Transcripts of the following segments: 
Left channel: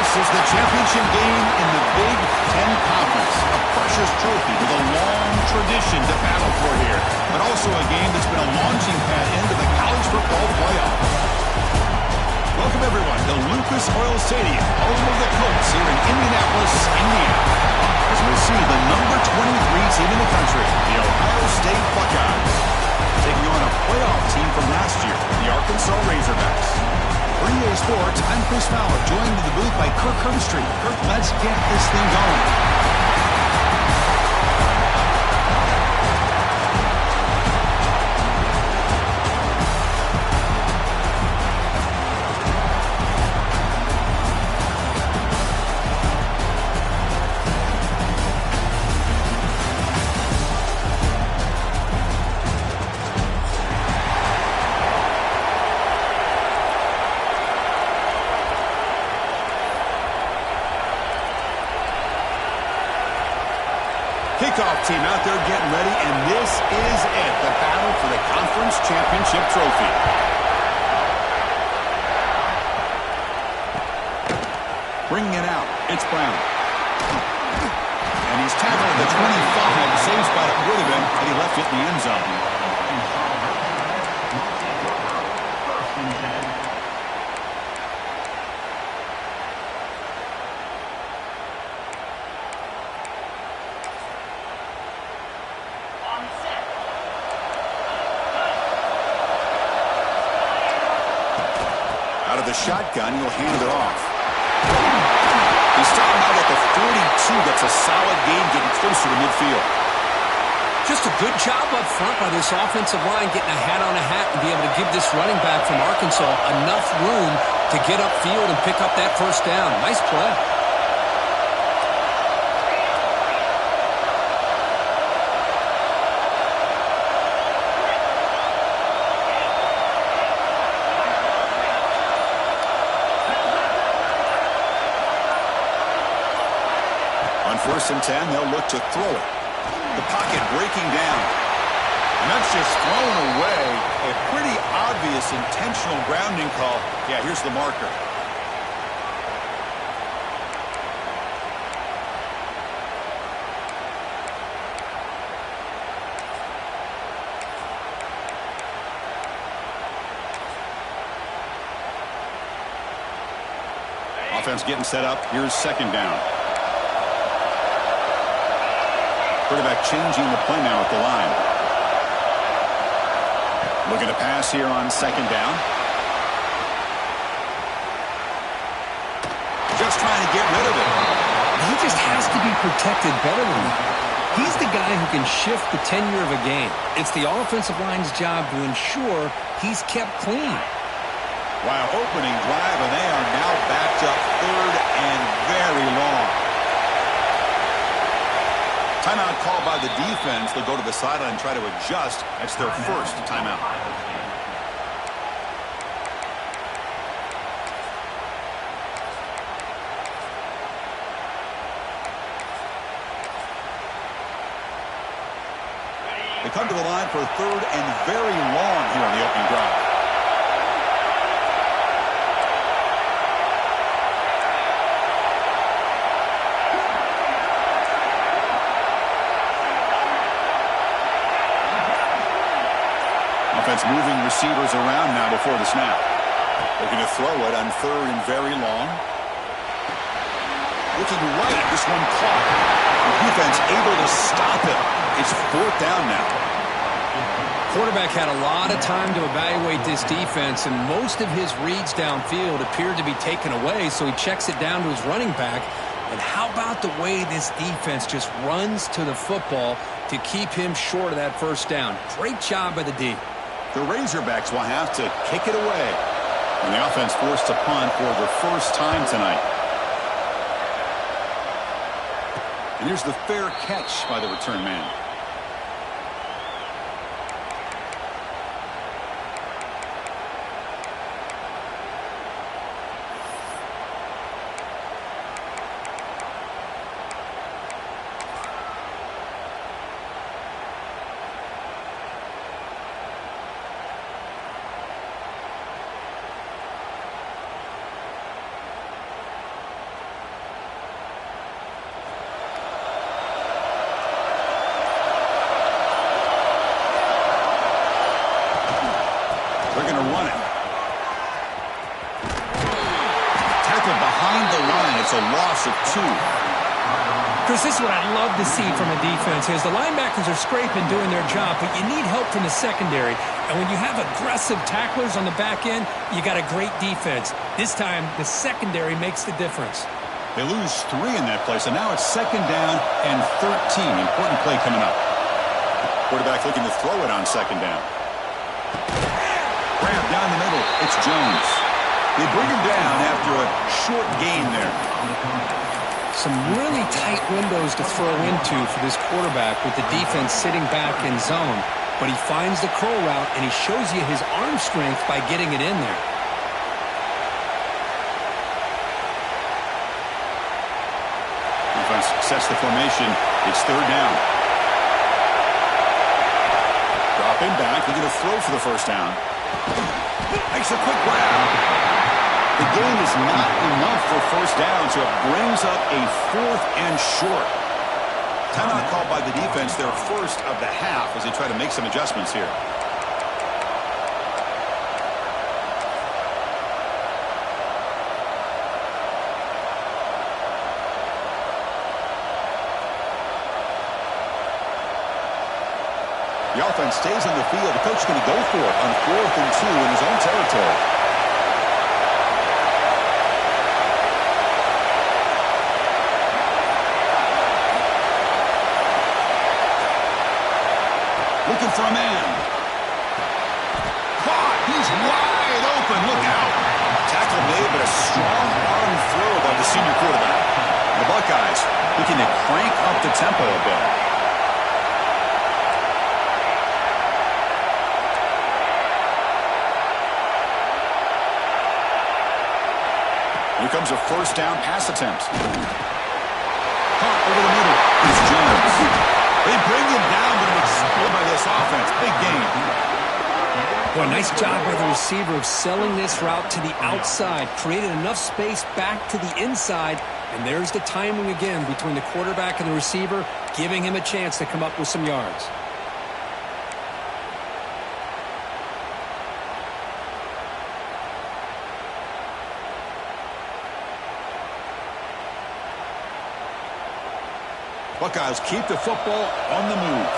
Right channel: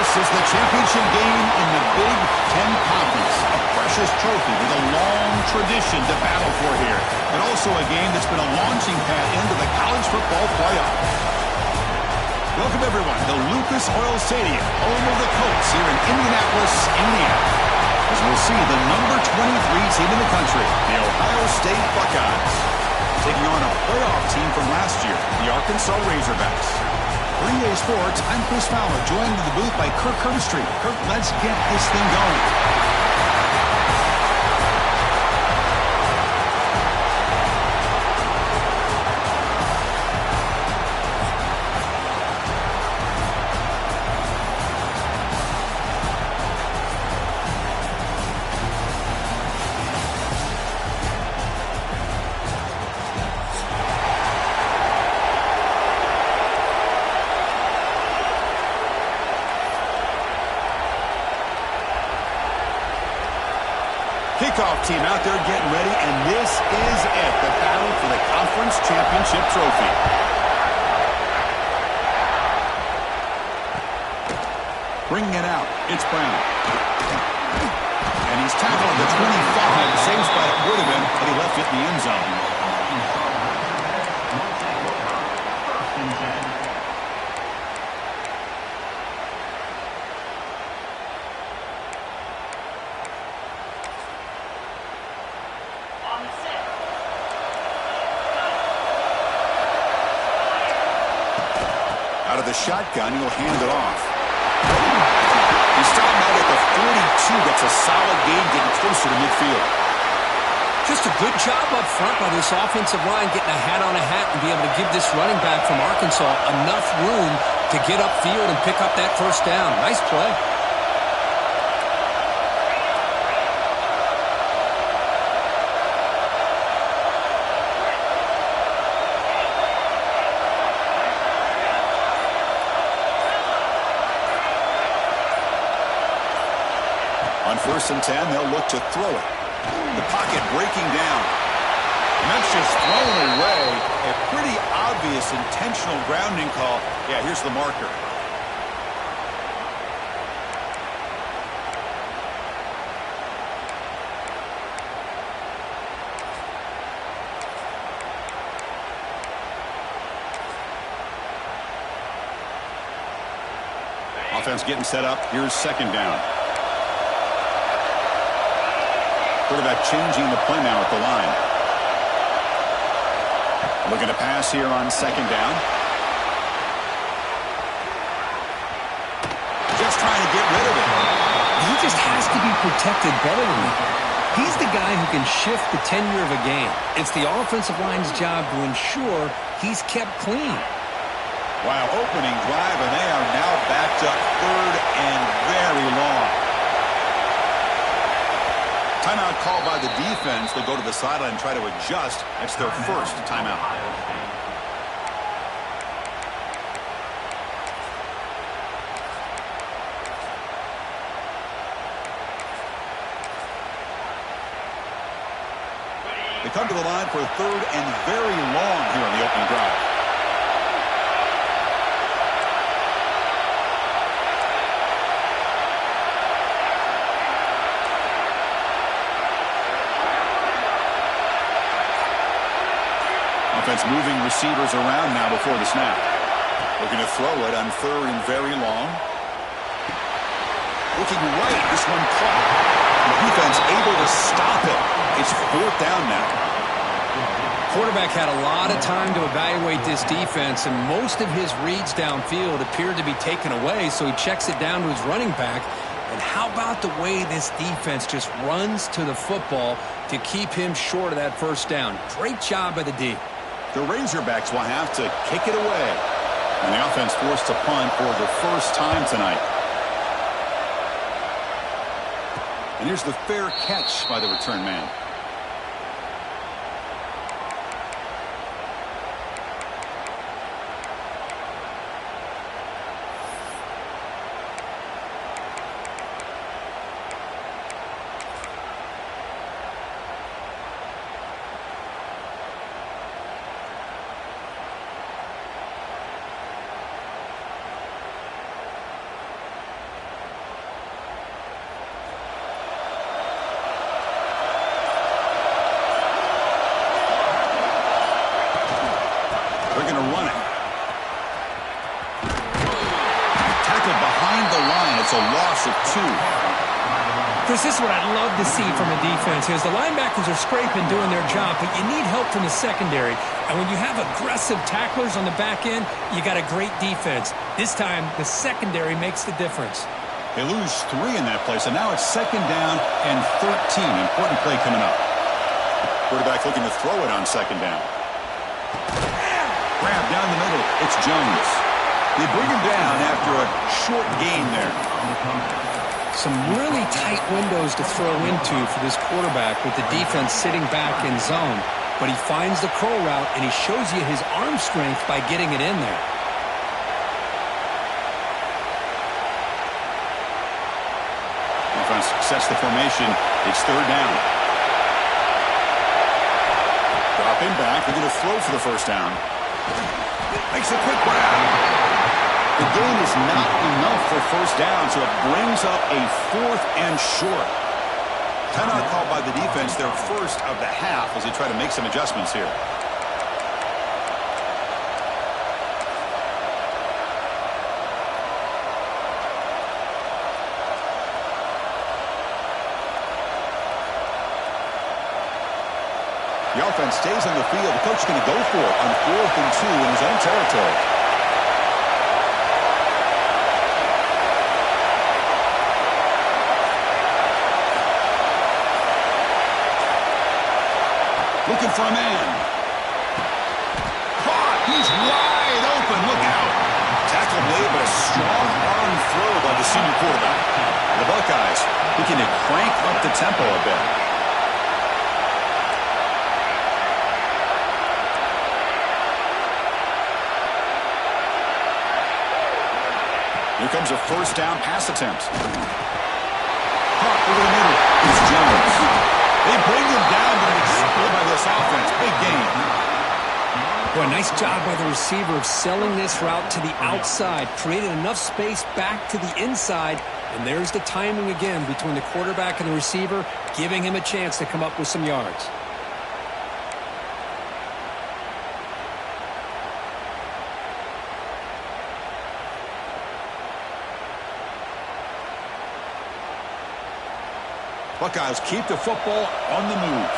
This is the championship game in the Big Ten Conference. A precious trophy with a long tradition to battle for here. But also a game that's been a launching pad into the college football playoff. Welcome, everyone, to Lucas Oil Stadium, home of the Colts here in Indianapolis, Indiana. As we'll see the number 23 team in the country, the Ohio State Buckeyes, taking on a playoff team from last year, the Arkansas Razorbacks. For EA Sports, I'm Chris Fowler, joined in the booth by Kirk Herbstreit. Kirk, let's get this thing going. Kickoff team out there getting ready, and this is it, the battle for the conference championship trophy. Bringing it out, it's Brown. And he's tackled at the 25, same spot it would have been, but he left it in the end zone. Out of the shotgun, he'll hand it off. He's stopped out at the 42. That's a solid gain, getting closer to midfield. Just a good job up front by this offensive line, getting a hat on a hat and be able to give this running back from Arkansas enough room to get upfield and pick up that first down. Nice play. On 1st and 10, they'll look to throw it. The pocket breaking down. And that's just thrown away. A pretty obvious intentional grounding call. Yeah, here's the marker. Offense getting set up. Here's 2nd down. Quarterback changing the play now at the line. Looking to pass here on 2nd down. Just trying to get rid of it. He just has to be protected better than that. He's the guy who can shift the tenure of a game. It's the offensive line's job to ensure he's kept clean. Wow, opening drive, and they are now backed up 3rd and very long. Timeout called by the defense. They'll go to the sideline and try to adjust. That's their first timeout. They come to the line for 3rd and very long here on the opening drive. Offense moving receivers around now before the snap. Looking to throw it on 3rd and very long. Looking right, this one caught. The defense able to stop it. It's 4th down now. Quarterback had a lot of time to evaluate this defense, and most of his reads downfield appeared to be taken away, so he checks it down to his running back. And how about the way this defense just runs to the football to keep him short of that first down? Great job by the D. The Razorbacks will have to kick it away. And the offense forced to punt for the first time tonight. And here's the fair catch by the return man. They're going to run it. Tackle behind the line. It's a loss of 2. Chris, this is what I'd love to see from a defense is the linebackers are scraping, doing their job, but you need help from the secondary. And when you have aggressive tacklers on the back end, you got a great defense. This time, the secondary makes the difference. They lose 3 in that play, so now it's 2nd down and 13. Important play coming up. Quarterback looking to throw it on 2nd down. Grab down the middle. It's Jones. They bring him down after a short gain there. Some really tight windows to throw into for this quarterback with the defense sitting back in zone. But he finds the curl route, and he shows you his arm strength by getting it in there. Offense sets the formation. It's 3rd down. Dropping back. They're going to throw for the 1st down. Makes a quick grab. The gain is not enough for 1st down, so it brings up a 4th and short. Timeout called by the defense, their first of the half, as they try to make some adjustments here. The offense stays on the field. The coach is going to go for it on 4th and 2 in his own territory. Looking for a man. Caught. He's wide open. Look out. Tackle made, but a strong arm throw by the senior quarterback. The Buckeyes looking to crank up the tempo a bit. Here comes a 1st down pass attempt. Caught over the middle. It's Jones. They bring him down, but an exploit by this offense. Big gain. Boy, nice job by the receiver of selling this route to the outside. Created enough space back to the inside. And there's the timing again between the quarterback and the receiver, giving him a chance to come up with some yards. Buckeyes keep the football on the move.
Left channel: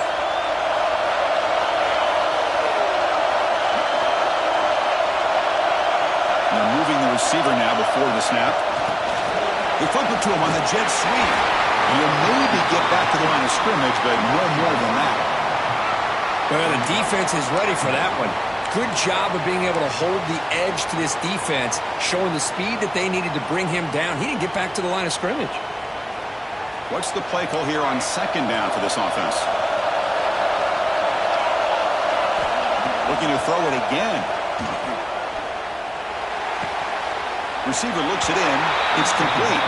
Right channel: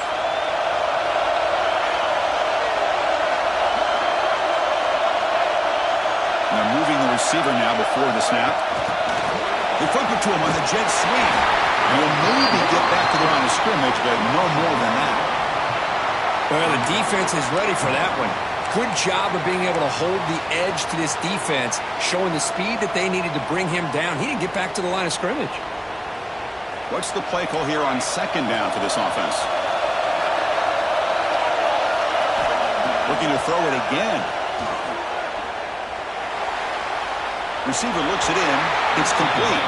They're moving the receiver now before the snap. They flip it to him on the jet sweep. And he'll maybe get back to the line of scrimmage, but no more than that. Well, the defense is ready for that one. Good job of being able to hold the edge to this defense, showing the speed that they needed to bring him down. He didn't get back to the line of scrimmage. What's the play call here on 2nd down for this offense? Looking to throw it again. Receiver looks it in. It's complete.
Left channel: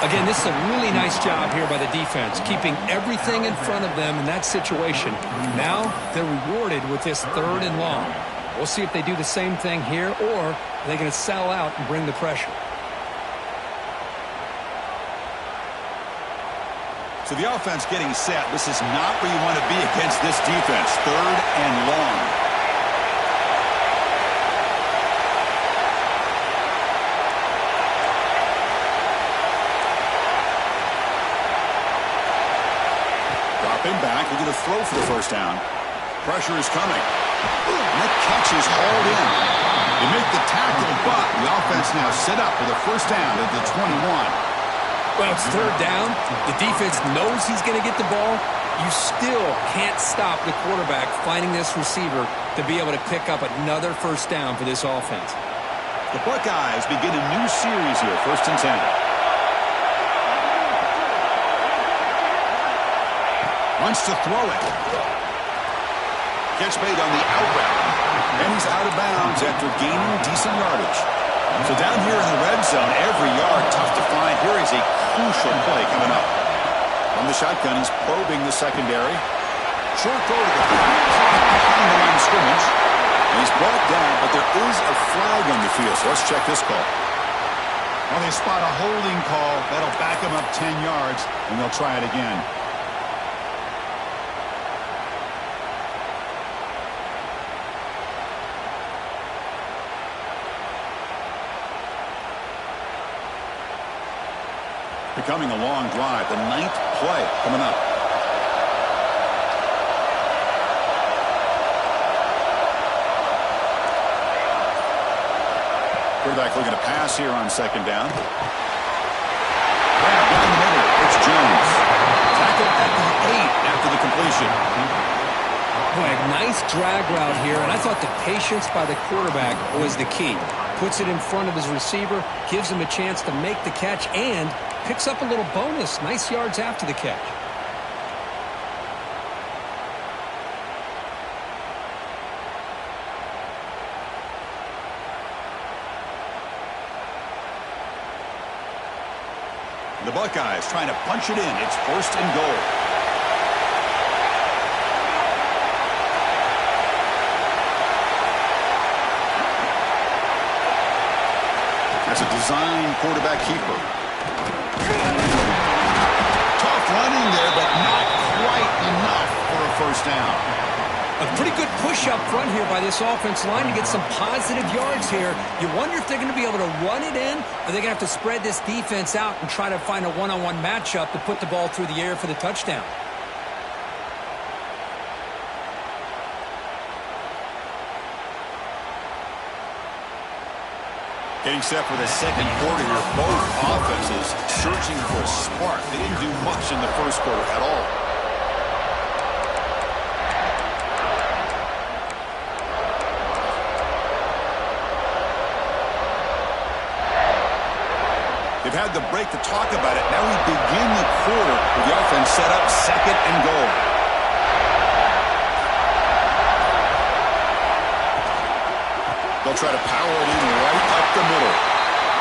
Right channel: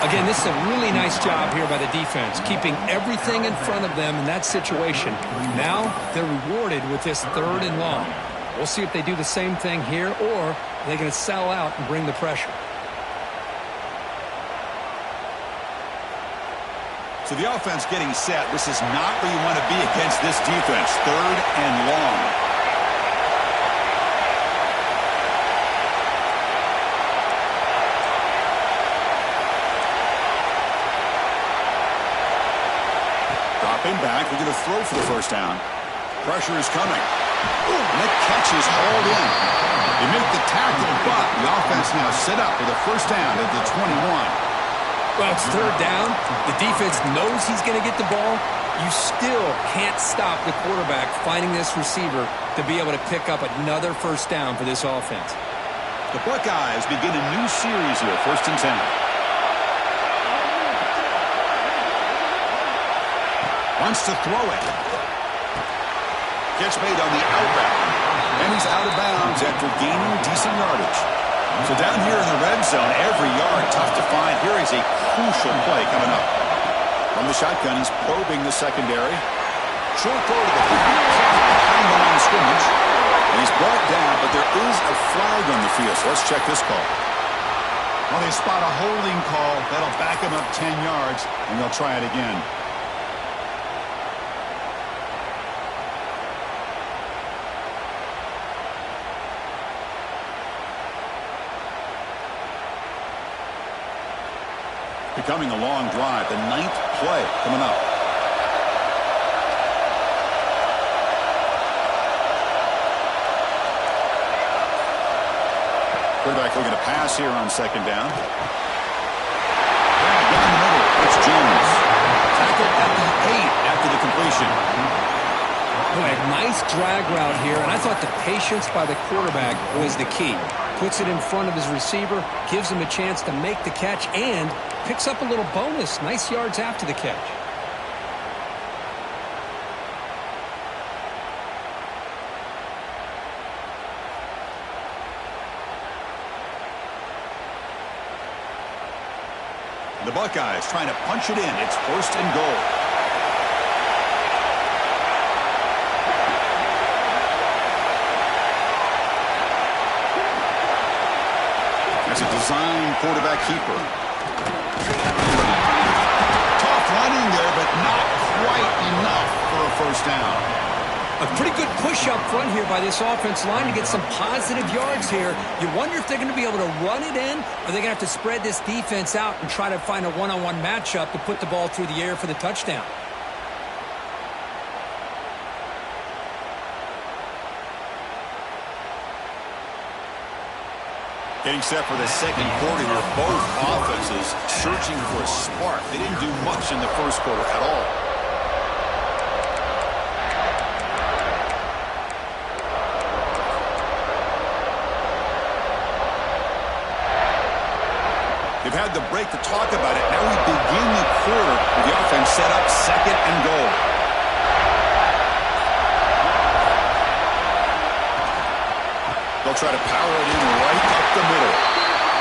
Again, this is a really nice job here by the defense, keeping everything in front of them in that situation. Now they're rewarded with this 3rd and long. We'll see if they do the same thing here, or are they going to sell out and bring the pressure. So the offense getting set. This is not where you want to be against this defense. 3rd and long. Dropping back. We're going to throw for the 1st down. Pressure is coming. And that catch is hauled in. They make the tackle, but the offense now set up for the 1st down at the 21. Well, it's 3rd down. The defense knows he's going to get the ball. You still can't stop the quarterback finding this receiver to be able to pick up another 1st down for this offense. The Buckeyes begin a new series here, 1st and 10. Wants to throw it. Catch made on the out route. And he's out of bounds after gaining decent yardage. So down here in the red zone, every yard tough to find. Here is a crucial play coming up. From the shotgun, he's probing the secondary. Short throw to the back, caught behind the line of scrimmage. And he's brought down, but there is a flag on the field. So let's check this call. Well, they spot a holding call. That'll back him up 10 yards, and they'll try it again. Becoming a long drive. The 9th play coming up. Quarterback looking to pass here on 2nd down. Grab down the middle. It's Jones. Tackled at the 8 after the completion. Boy, a nice drag route here, and I thought the patience by the quarterback was the key. Puts it in front of his receiver, gives him a chance to make the catch, and picks up a little bonus. Nice yards after the catch. The Buckeyes trying to punch it in. It's 1st and goal. That's a design quarterback keeper. Tough running there, but not quite enough for a 1st down. A pretty good push up front here by this offense line to get some positive yards here. You wonder if they're going to be able to run it in, or they're going to have to spread this defense out and try to find a one-on-one matchup to put the ball through the air for the touchdown. Getting set for the 2nd quarter here. Both offenses searching for a spark. They didn't do much in the 1st quarter at all. They've had the break to talk about it. Now we begin the quarter with the offense set up 2nd and goal. They'll try to power it in right up the middle.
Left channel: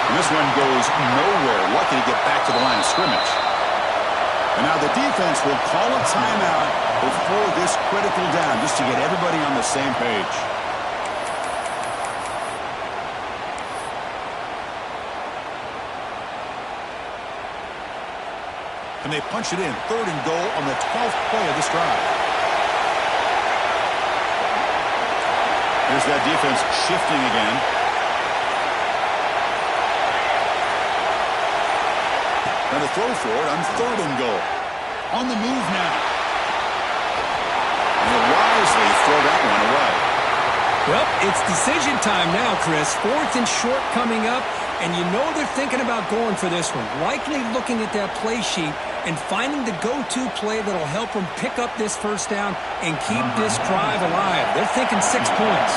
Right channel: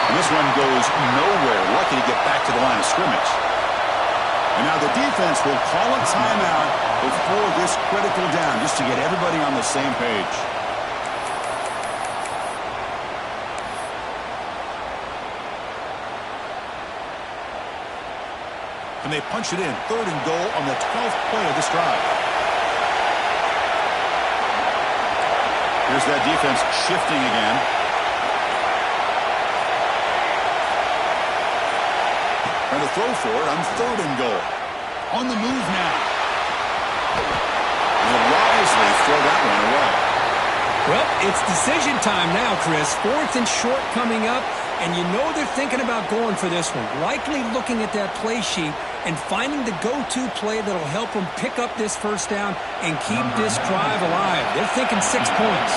And this one goes nowhere. Lucky to get back to the line of scrimmage. And now the defense will call a timeout before this critical down, just to get everybody on the same page. And they punch it in. 3rd and goal on the 12th play of this drive. Here's that defense shifting again. Trying to throw for it on 3rd and goal. On the move now. And he'll wisely throw that one away. Well, it's decision time now, Chris. 4th and short coming up, and you know they're thinking about going for this one. Likely looking at that play sheet and finding the go-to play that'll help them pick up this 1st down and keep this drive alive. They're thinking 6 points.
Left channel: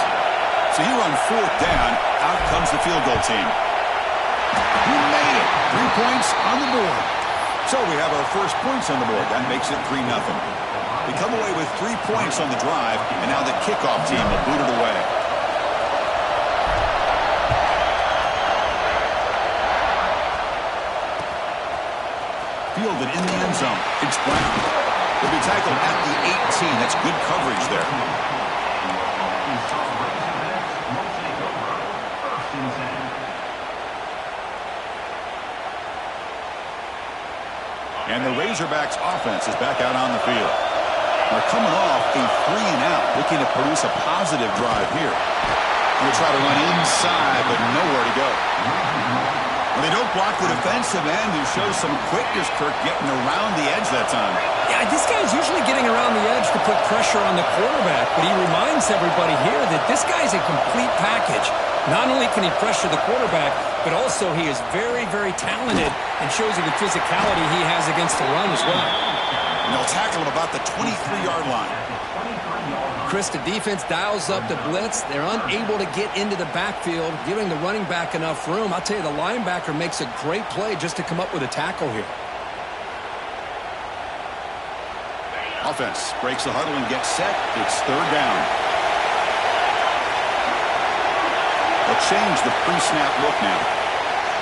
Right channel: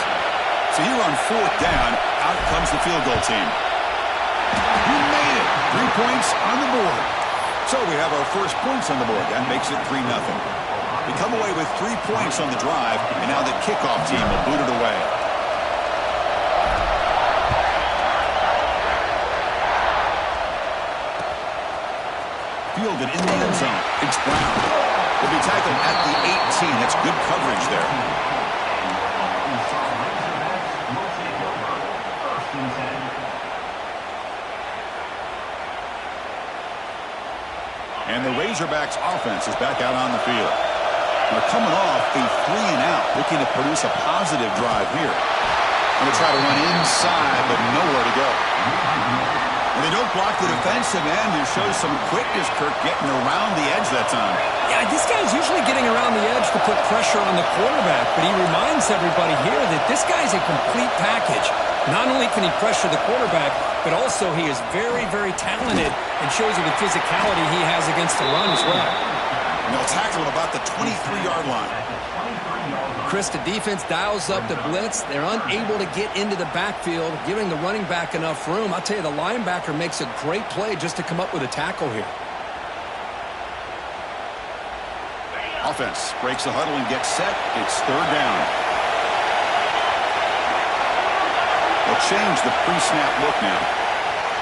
So here on 4th down, out comes the field goal team. We made it. 3 points on the board. So we have our first points on the board. That makes it 3-0. We come away with 3 points on the drive, and now the kickoff team will boot it away. Fielded in the end zone. It's Brown. He'll be tackled at the 18. That's good coverage there. And the Razorbacks offense is back out on the field. They're coming off a 3-and-out, looking to produce a positive drive here. Going to try to run inside, but nowhere to go. Well, they don't block the defensive end, who shows some quickness, Kirk, getting around the edge that time. Yeah, this guy's usually getting around the edge to put pressure on the quarterback, but he reminds everybody here that this guy's a complete package. Not only can he pressure the quarterback, but also he is very, very talented and shows you the physicality he has against the run as well. And they'll tackle him about the 23-yard line. Chris, the defense dials up the blitz. They're unable to get into the backfield, giving the running back enough room. I'll tell you, the linebacker makes a great play just to come up with a tackle here. Offense breaks the huddle and gets set. It's 3rd down. They'll change the pre-snap look now.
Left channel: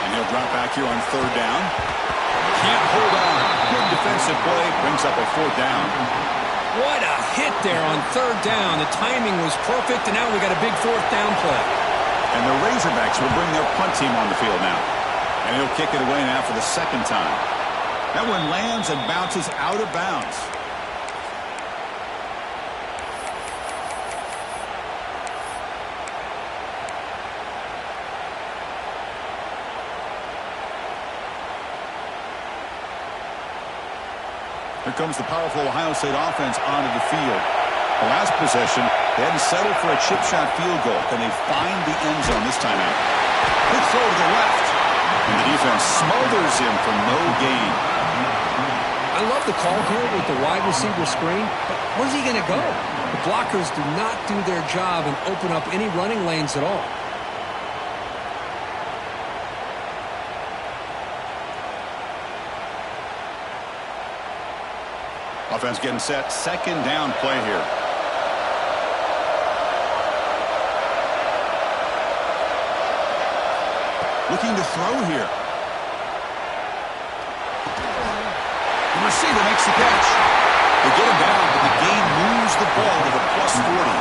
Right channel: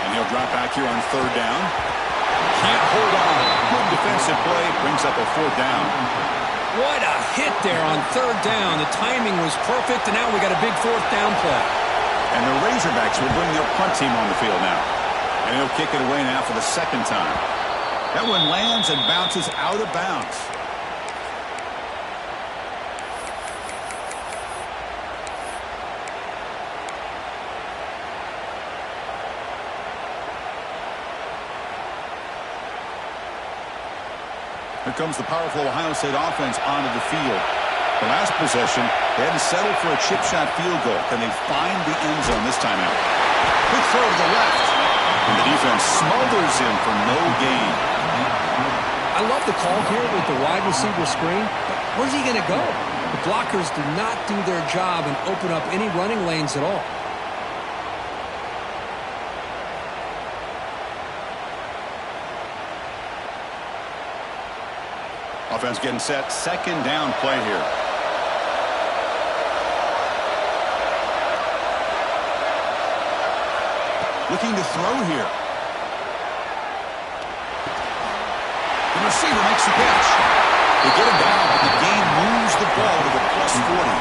And he'll drop back here on 3rd down. Can't hold on. Good defensive play. Brings up a 4th down. What a hit there on 3rd down. The timing was perfect, and now we got a big 4th down play. And the Razorbacks will bring their punt team on the field now. And he'll kick it away now for the 2nd time. That one lands and bounces out of bounds. comes the powerful Ohio State offense onto the field. The last possession, they had to settle for a chip shot field goal. Can they find the end zone this time out? Quick throw to the left. And the defense smothers him for no gain. I love the call here with the wide receiver screen, but where's he going to go? The blockers do not do their job and open up any running lanes at all. Offense getting set. Second down play here. Looking to throw here. The receiver makes the catch. They get him down, but the gain moves the ball to the +40.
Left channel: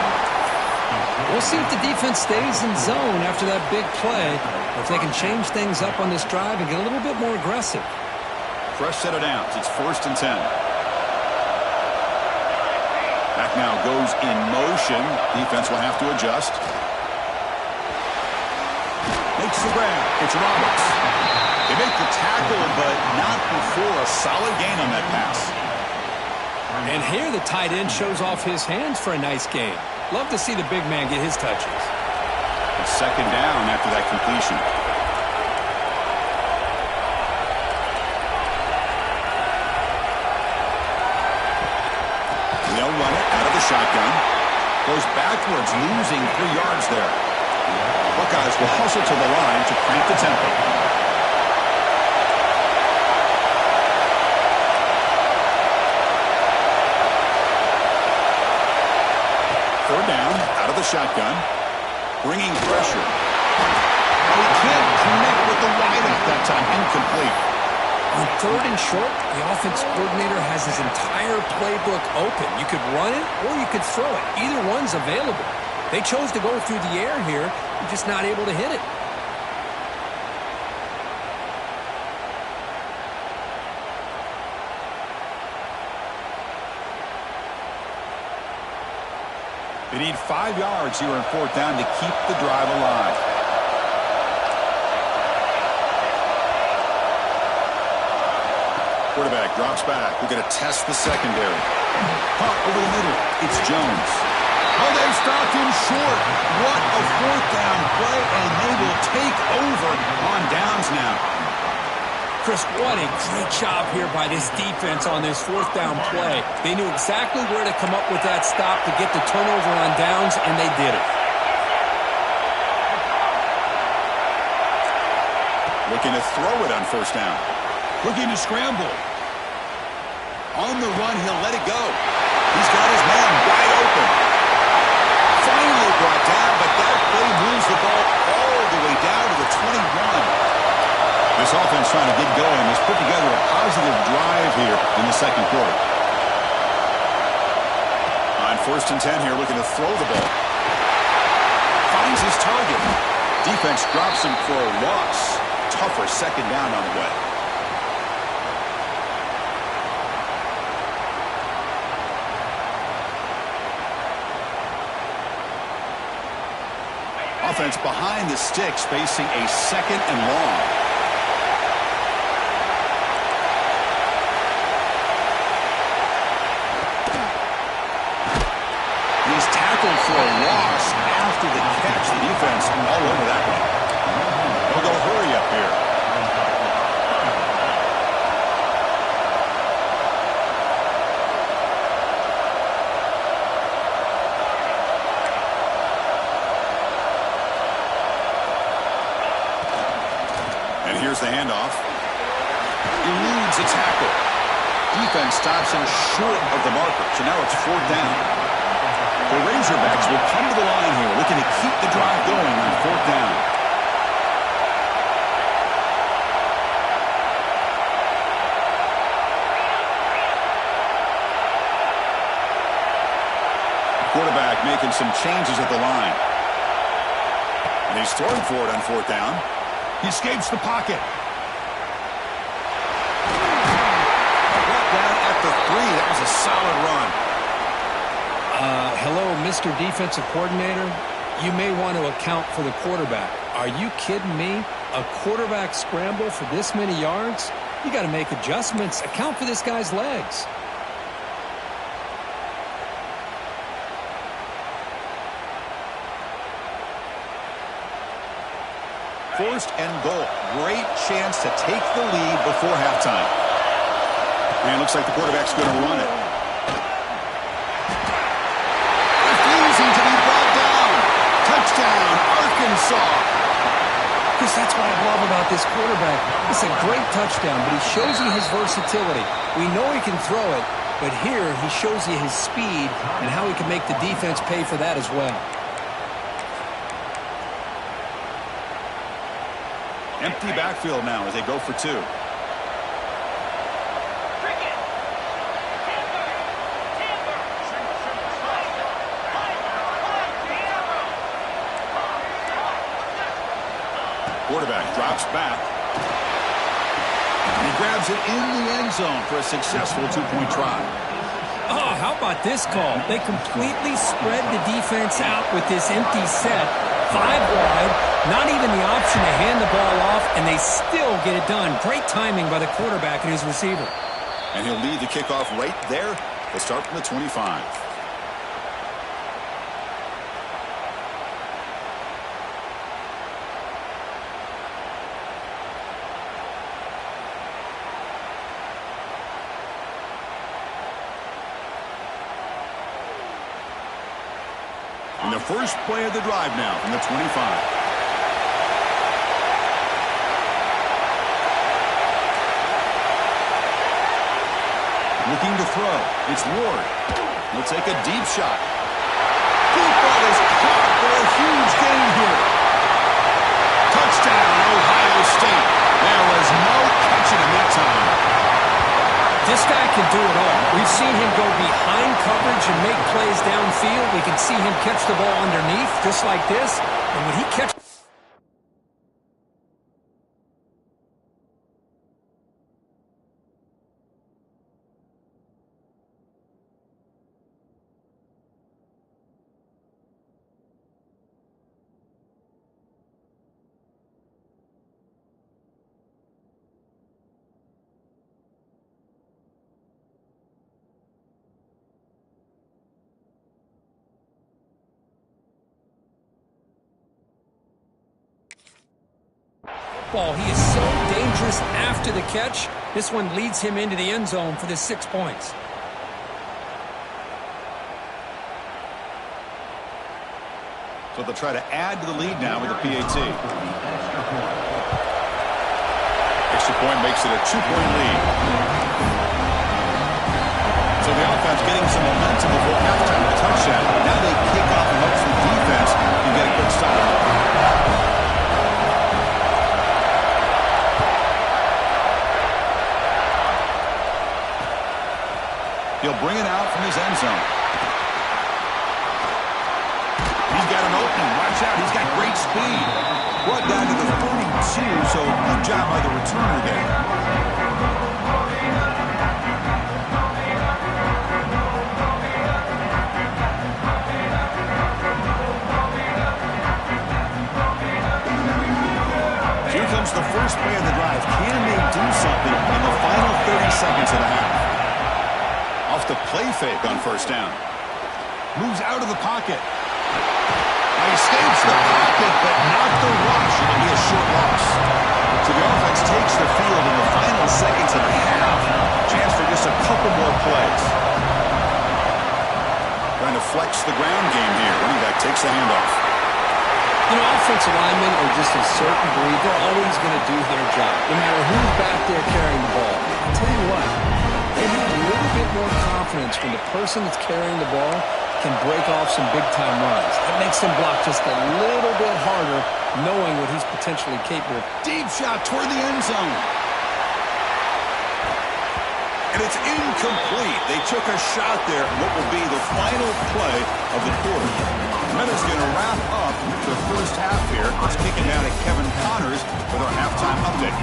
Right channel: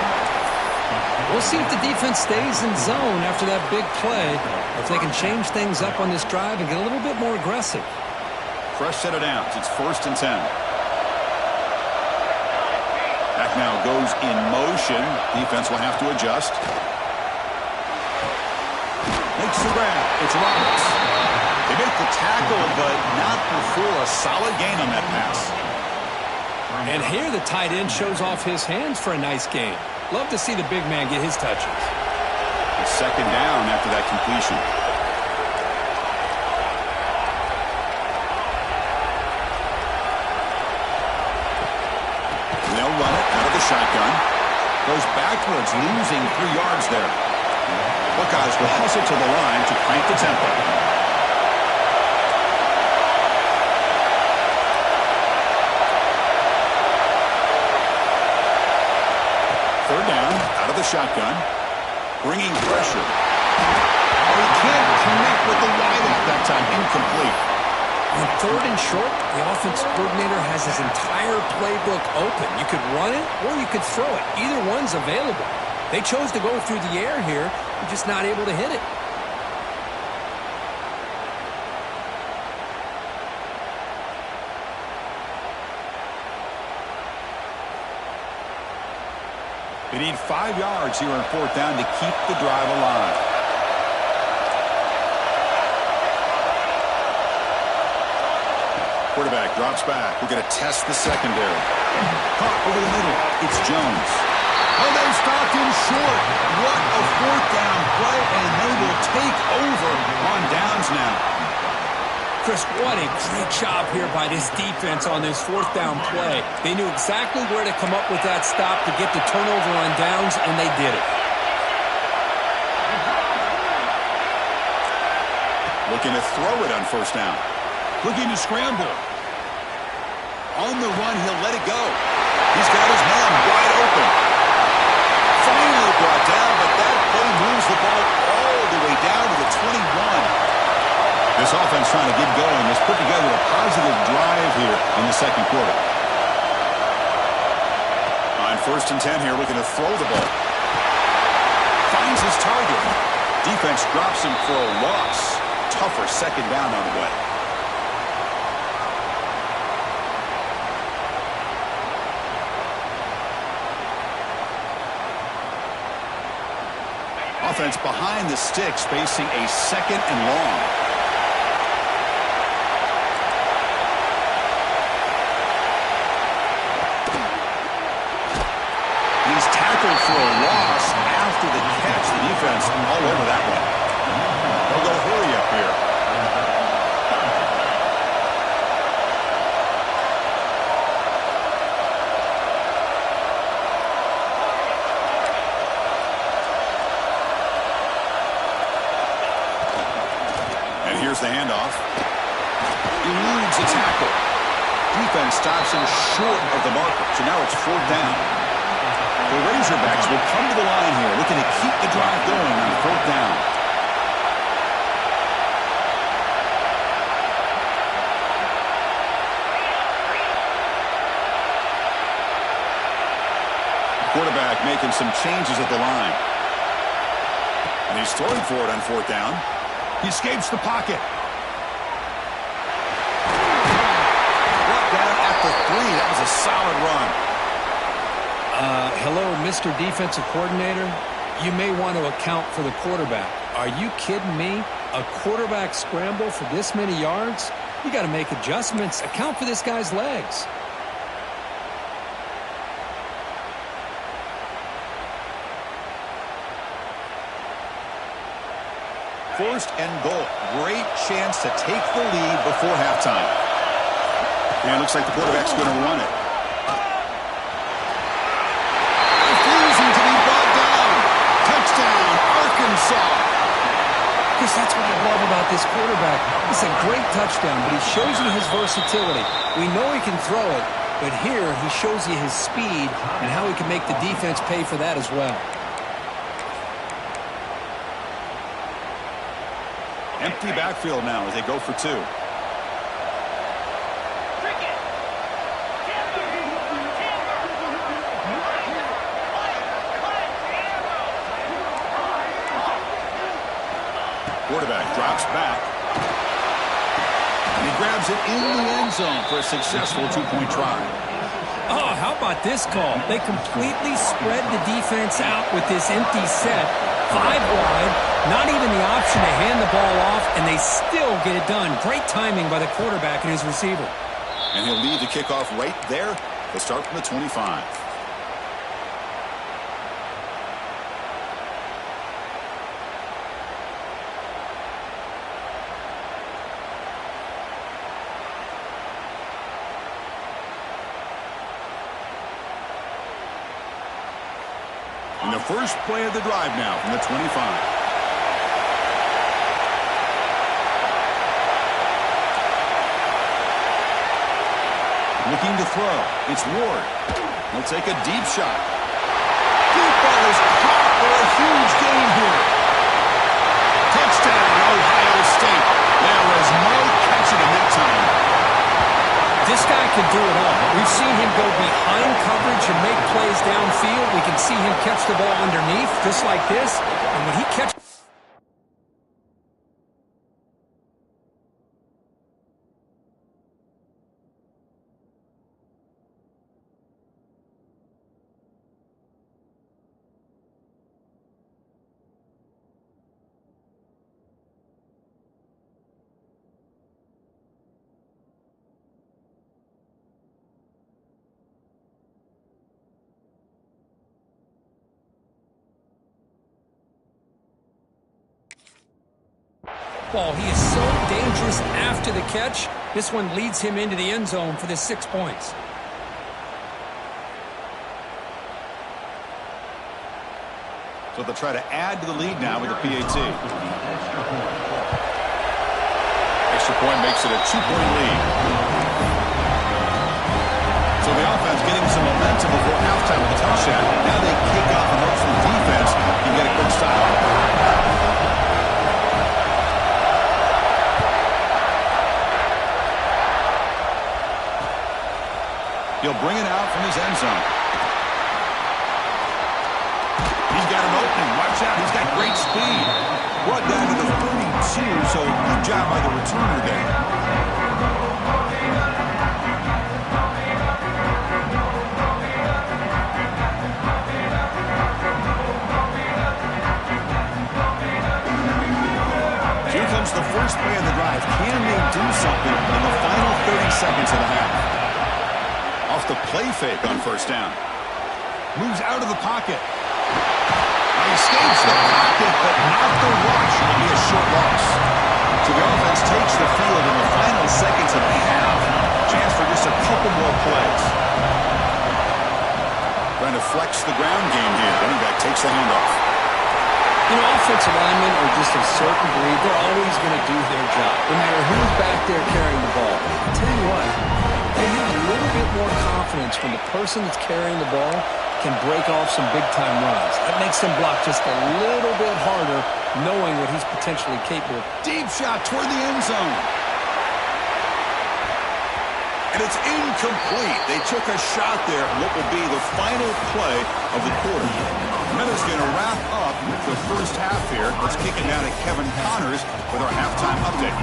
We'll see if the defense stays in zone after that big play, or if they can change things up on this drive and get a little bit more aggressive. Fresh set of downs. It's 1st and 10. Back now goes in motion. Defense will have to adjust. Makes the grab. It's Roberts. They make the tackle, but not before a solid gain on that pass. And here the tight end shows off his hands for a nice gain. Love to see the big man get his touches. It's second down after that completion. They'll run it out of the shotgun. Goes backwards, losing 3 yards there. Buckeyes will hustle to the line to crank the tempo. Third down, out of the shotgun. Bringing pressure. Oh, he can't connect with the wideout that time. Incomplete. On 3rd and short, the offense coordinator has his entire playbook open. You could run it or you could throw it. Either one's available. They chose to go through the air here. They're just not able to hit it. They need 5 yards here on 4th down to keep the drive alive. Quarterback drops back. We're going to test the secondary. Caught over the middle. It's Jones. Oh, they've stopped him short. What a 4th down play, and they will take over on downs now. Chris, what a great job here by this defense on this 4th down play. They knew exactly where to come up with that stop to get the turnover on downs, and they did it. Looking to throw it on 1st down. Looking to scramble. On the run, he'll let it go. He's got his man wide open. Finally brought down, but that play moves the ball all the way down to the 21. This offense trying to get going has put together a positive drive here in the second quarter. On 1st and 10 here, looking to throw the ball. Finds his target. Defense drops him for a loss. Tougher second down on the way. Offense behind the sticks, facing a 2nd and long. He's tackled for a loss after the catch. The defense all over that one. They'll go hurry up here. And here's the handoff. Eludes a tackle. Defense stops him short of the marker. So now it's 4th down. The Razorbacks will come to the line here, looking to keep the drive going on 4th down. The quarterback making some changes at the line. And he's throwing for it on 4th down. He escapes the pocket. Brought down at the 3. That was a solid run. Hello, Mr. Defensive Coordinator. You may want to account for the quarterback. Are you kidding me? A quarterback scramble for this many yards? You got to make adjustments. Account for this guy's legs. First and goal. Great chance to take the lead before halftime. And it looks like the quarterback's going to run it. Refusing to be brought down. Touchdown, Arkansas. Chris, that's what I love about this quarterback. It's a great touchdown, but he shows you his versatility. We know he can throw it, but here he shows you his speed and how he can make the defense pay for that as well. Empty backfield now as they go for two. Quarterback drops back. And he grabs it in the end zone for a successful two-point try. Oh, how about this call? They completely spread the defense out with this empty set. 5 wide, not even the option to hand the ball off, and they still get it done. Great timing by the quarterback and his receiver. And he'll lead the kickoff right there. They'll start from the 25. And the first play of the drive now from the 25. Looking to throw. It's Ward. He'll take a deep shot. Deep ball is caught for a huge gain here. Touchdown, Ohio State. There was no catching him that time. This guy can do it all. We've seen him go behind coverage and make plays downfield. We can see him catch the ball underneath just like this. And when he catches... He is so dangerous after the catch. This one leads him into the end zone for the 6 points. So they'll try to add to the lead now with the PAT. Extra point makes it a 2-point lead. So the offense getting some momentum before halftime with a touchdown. Now they kick off and hopes the defense can get a quick stop. He'll bring it out from his end zone. He's got an opening. Watch out. He's got great speed. Brought down to the 32, so good job by the returner there. Here comes the first play of the drive. Can they do something in the final 30 seconds of the half? Off the play fake on first down. Moves out of the pocket. Now he escapes the pocket, but not the rush. It'll be a short loss. So the offense takes the field in the final seconds of the half. Chance for just a couple more plays. Trying to flex the ground game here. Running back takes the handoff. You know, offensive linemen are just a certain breed. They're always going to do their job, no matter who's back there carrying the ball. I'll tell you what, they have a little bit more confidence when the person that's carrying the ball can break off some big-time runs. That makes them block just a little bit harder, knowing what he's potentially capable of. Deep shot toward the end zone. And it's incomplete. They took a shot there on what will be the final play of the quarter. Meta's going to wrap up the first half here. Let's kick it down to Kevin Connors with our halftime update.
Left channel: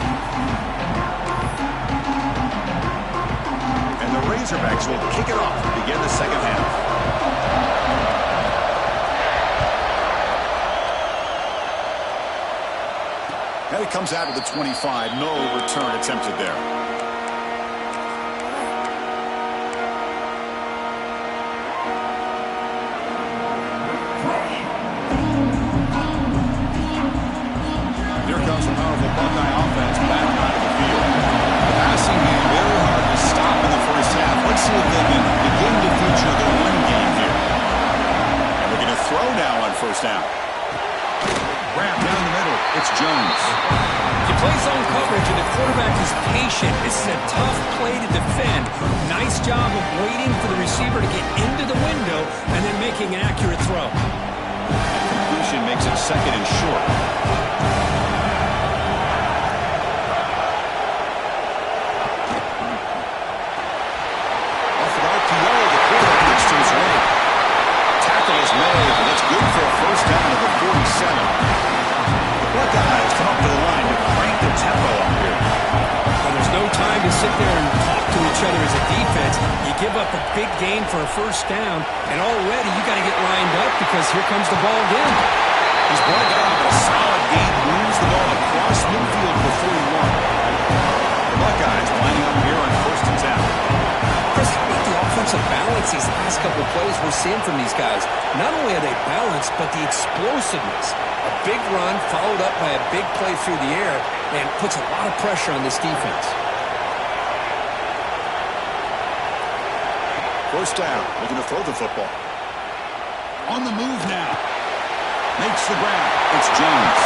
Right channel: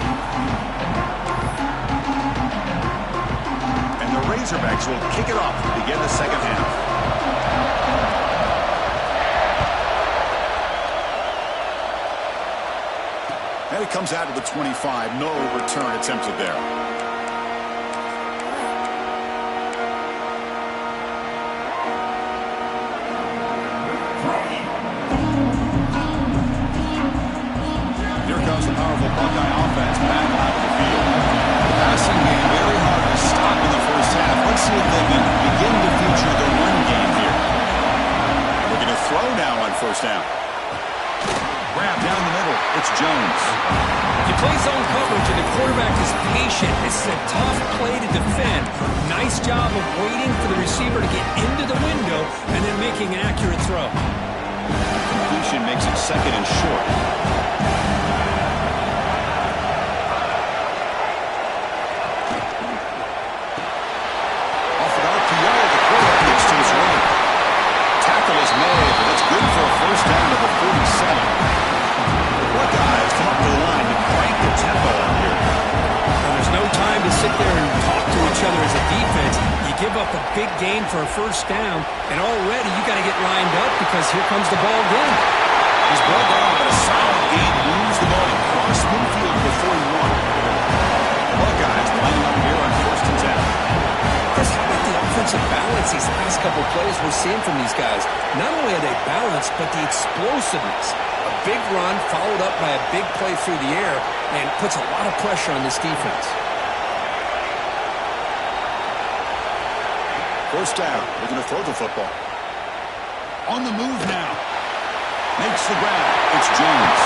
And the Razorbacks will kick it off to begin the second half. And it comes out to the 25. No return attempted there. the Buckeye offense back onto the field. The passing game very hard to stop in the first half. Let's see if they can begin to feature the run game here. And we're going to throw now on first down. Grab down the middle. It's Jones. You play zone coverage and the quarterback is patient. This is a tough play to defend. Nice job of waiting for the receiver to get into the window and then making an accurate throw. A completion makes it second and short. Off an RPO, the quarterback looks to his right. Tackle is made, but that's good for a first down at the 47. Buckeyes come up to the line to crank the tempo up here. Well, there's no time to sit there and talk to each other as a defense. You give up a big gain for a first down, and already you got to get lined up because here comes the ball again. He's brought down, but a solid gain moves the ball across midfield before he won. The Buckeyes lining up here on first and 10. Chris, how about the offensive balance these last couple plays we're seeing from these guys? Not only are they balanced, but the explosiveness. A big run followed up by a big play through the air and puts a lot of pressure on this defense. First down, looking to throw the football. On the move now. Makes the grab. It's Jones.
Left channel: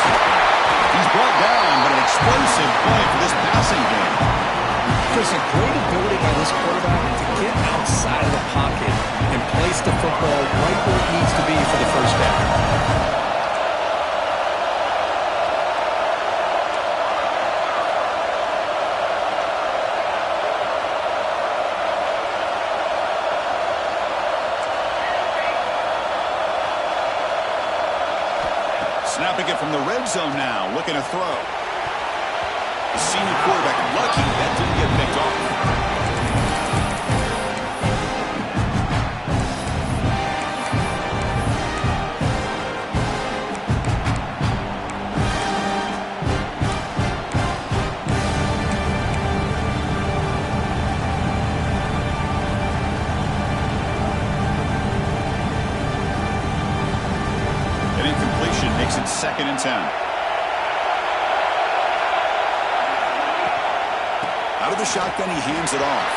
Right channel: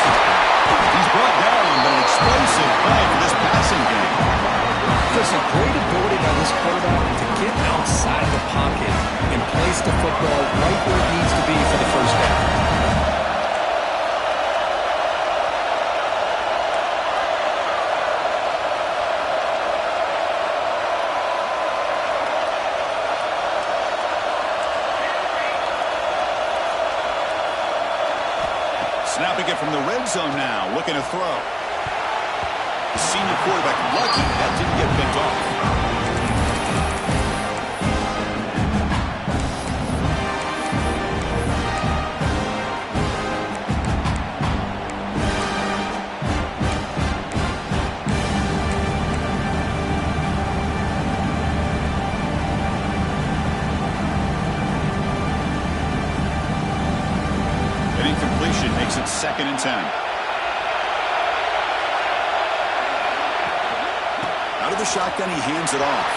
He's brought down, but an explosive play for this passing game. There's a great ability by this quarterback to get outside of the pocket and place the football right where it needs to be for the first down. Snapping it from the red zone now, looking to throw. The senior quarterback lucky that didn't get picked off. Incompletion makes it second and 10. Out of the shotgun, he hands it off.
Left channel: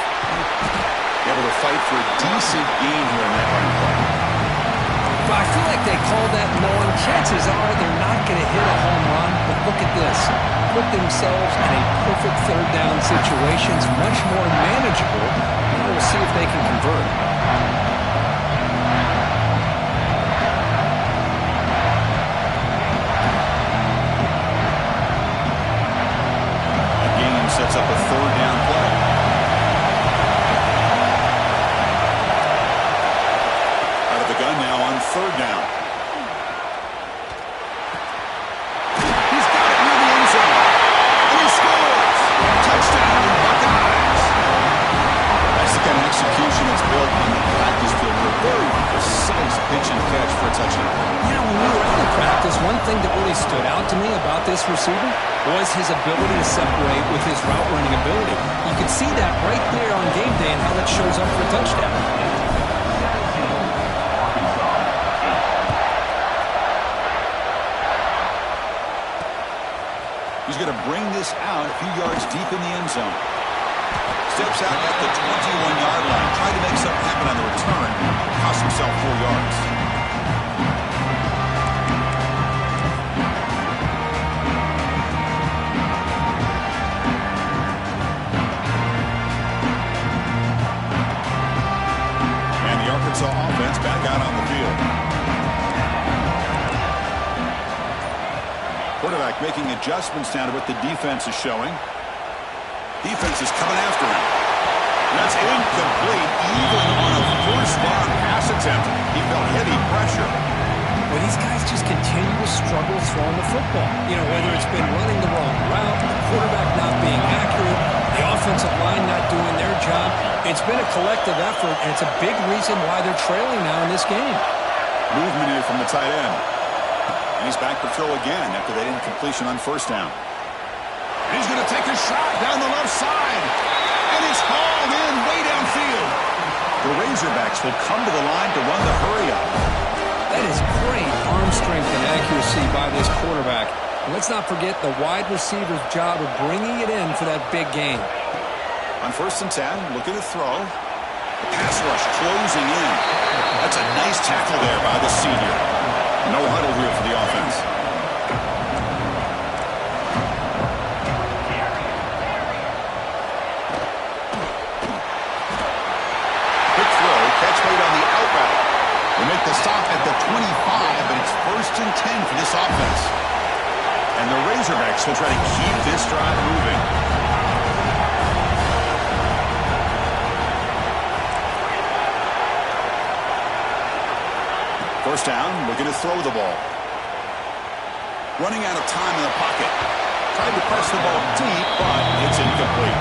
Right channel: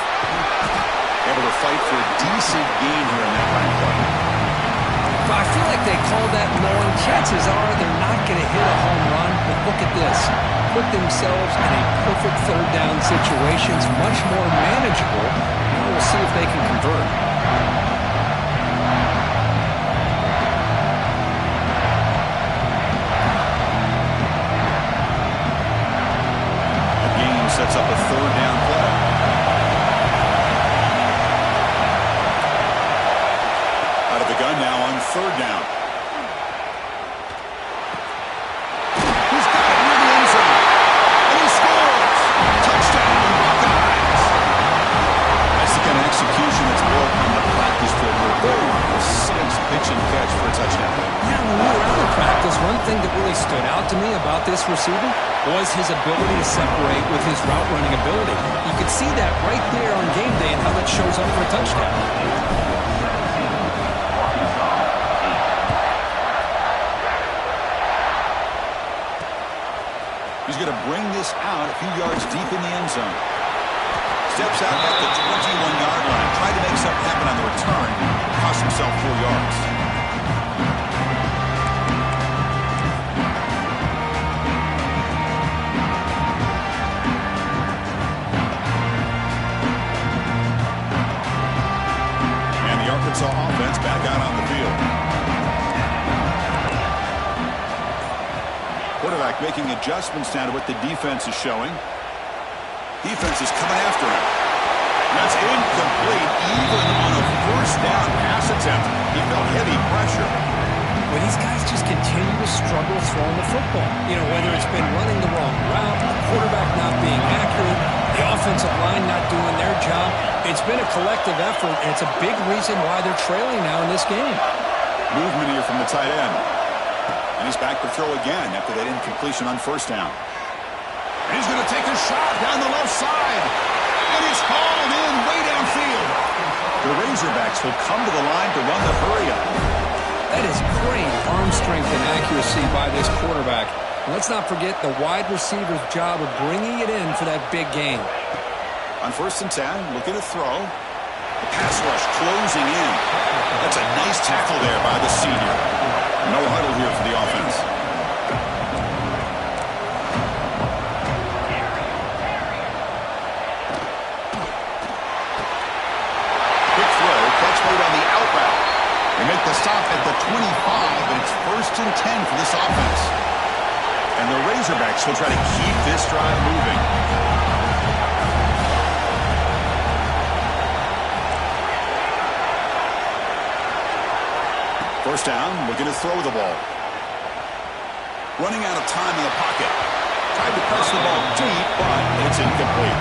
Able to fight for a decent gain here in that running play. But I feel like they call that knowing chances are they're not going to hit a home run. But look at this. Put themselves in a perfect third down situation. It's much more manageable. Now we'll see if they can convert. Sets up a third down play. Out of the gun now on third down. He's got it near the end zone. And he scores! Touchdown, Buckeyes! That's the kind of execution that's built on the practice field. A very precise pitch and catch for a touchdown. Yeah, when we were out of practice, one thing that really stood out to me about this receiver was his ability to separate with his route running ability. You could see that right there on game day and how that shows up for a touchdown. He's going to bring this out a few yards deep in the end zone. Steps out at the 21-yard line. Tried to make something happen on the return. Cost himself 4 yards. Arkansas offense back out on the field. Quarterback making adjustments now to what the defense is showing. Defense is coming after him. That's incomplete, even on a first down pass attempt. He felt heavy pressure. Well, these guys just continue to struggle throwing the football. You know, whether it's been running the wrong route, the quarterback not being accurate, the offensive line not doing their job. It's been a collective effort, and it's a big reason why they're trailing now in this game. Movement here from the tight end. And he's back to throw again after that incompletion on first down. And he's going to take a shot down the left side. And it's hauled in way downfield. The Razorbacks will come to the line to run the hurry up. That is great arm strength and accuracy by this quarterback. Let's not forget the wide receiver's job of bringing it in for that big gain. On 1st and 10, looking to throw. The pass rush closing in. That's a nice tackle there by the senior. No huddle here for the offense. Quick throw, catch made on the out route. They make the stop at the 25, but it's 1st and 10 for this offense. And the Razorbacks will try to keep this drive moving. First down, looking to throw the ball. Running out of time in the pocket. Tried to press the ball deep, but it's incomplete.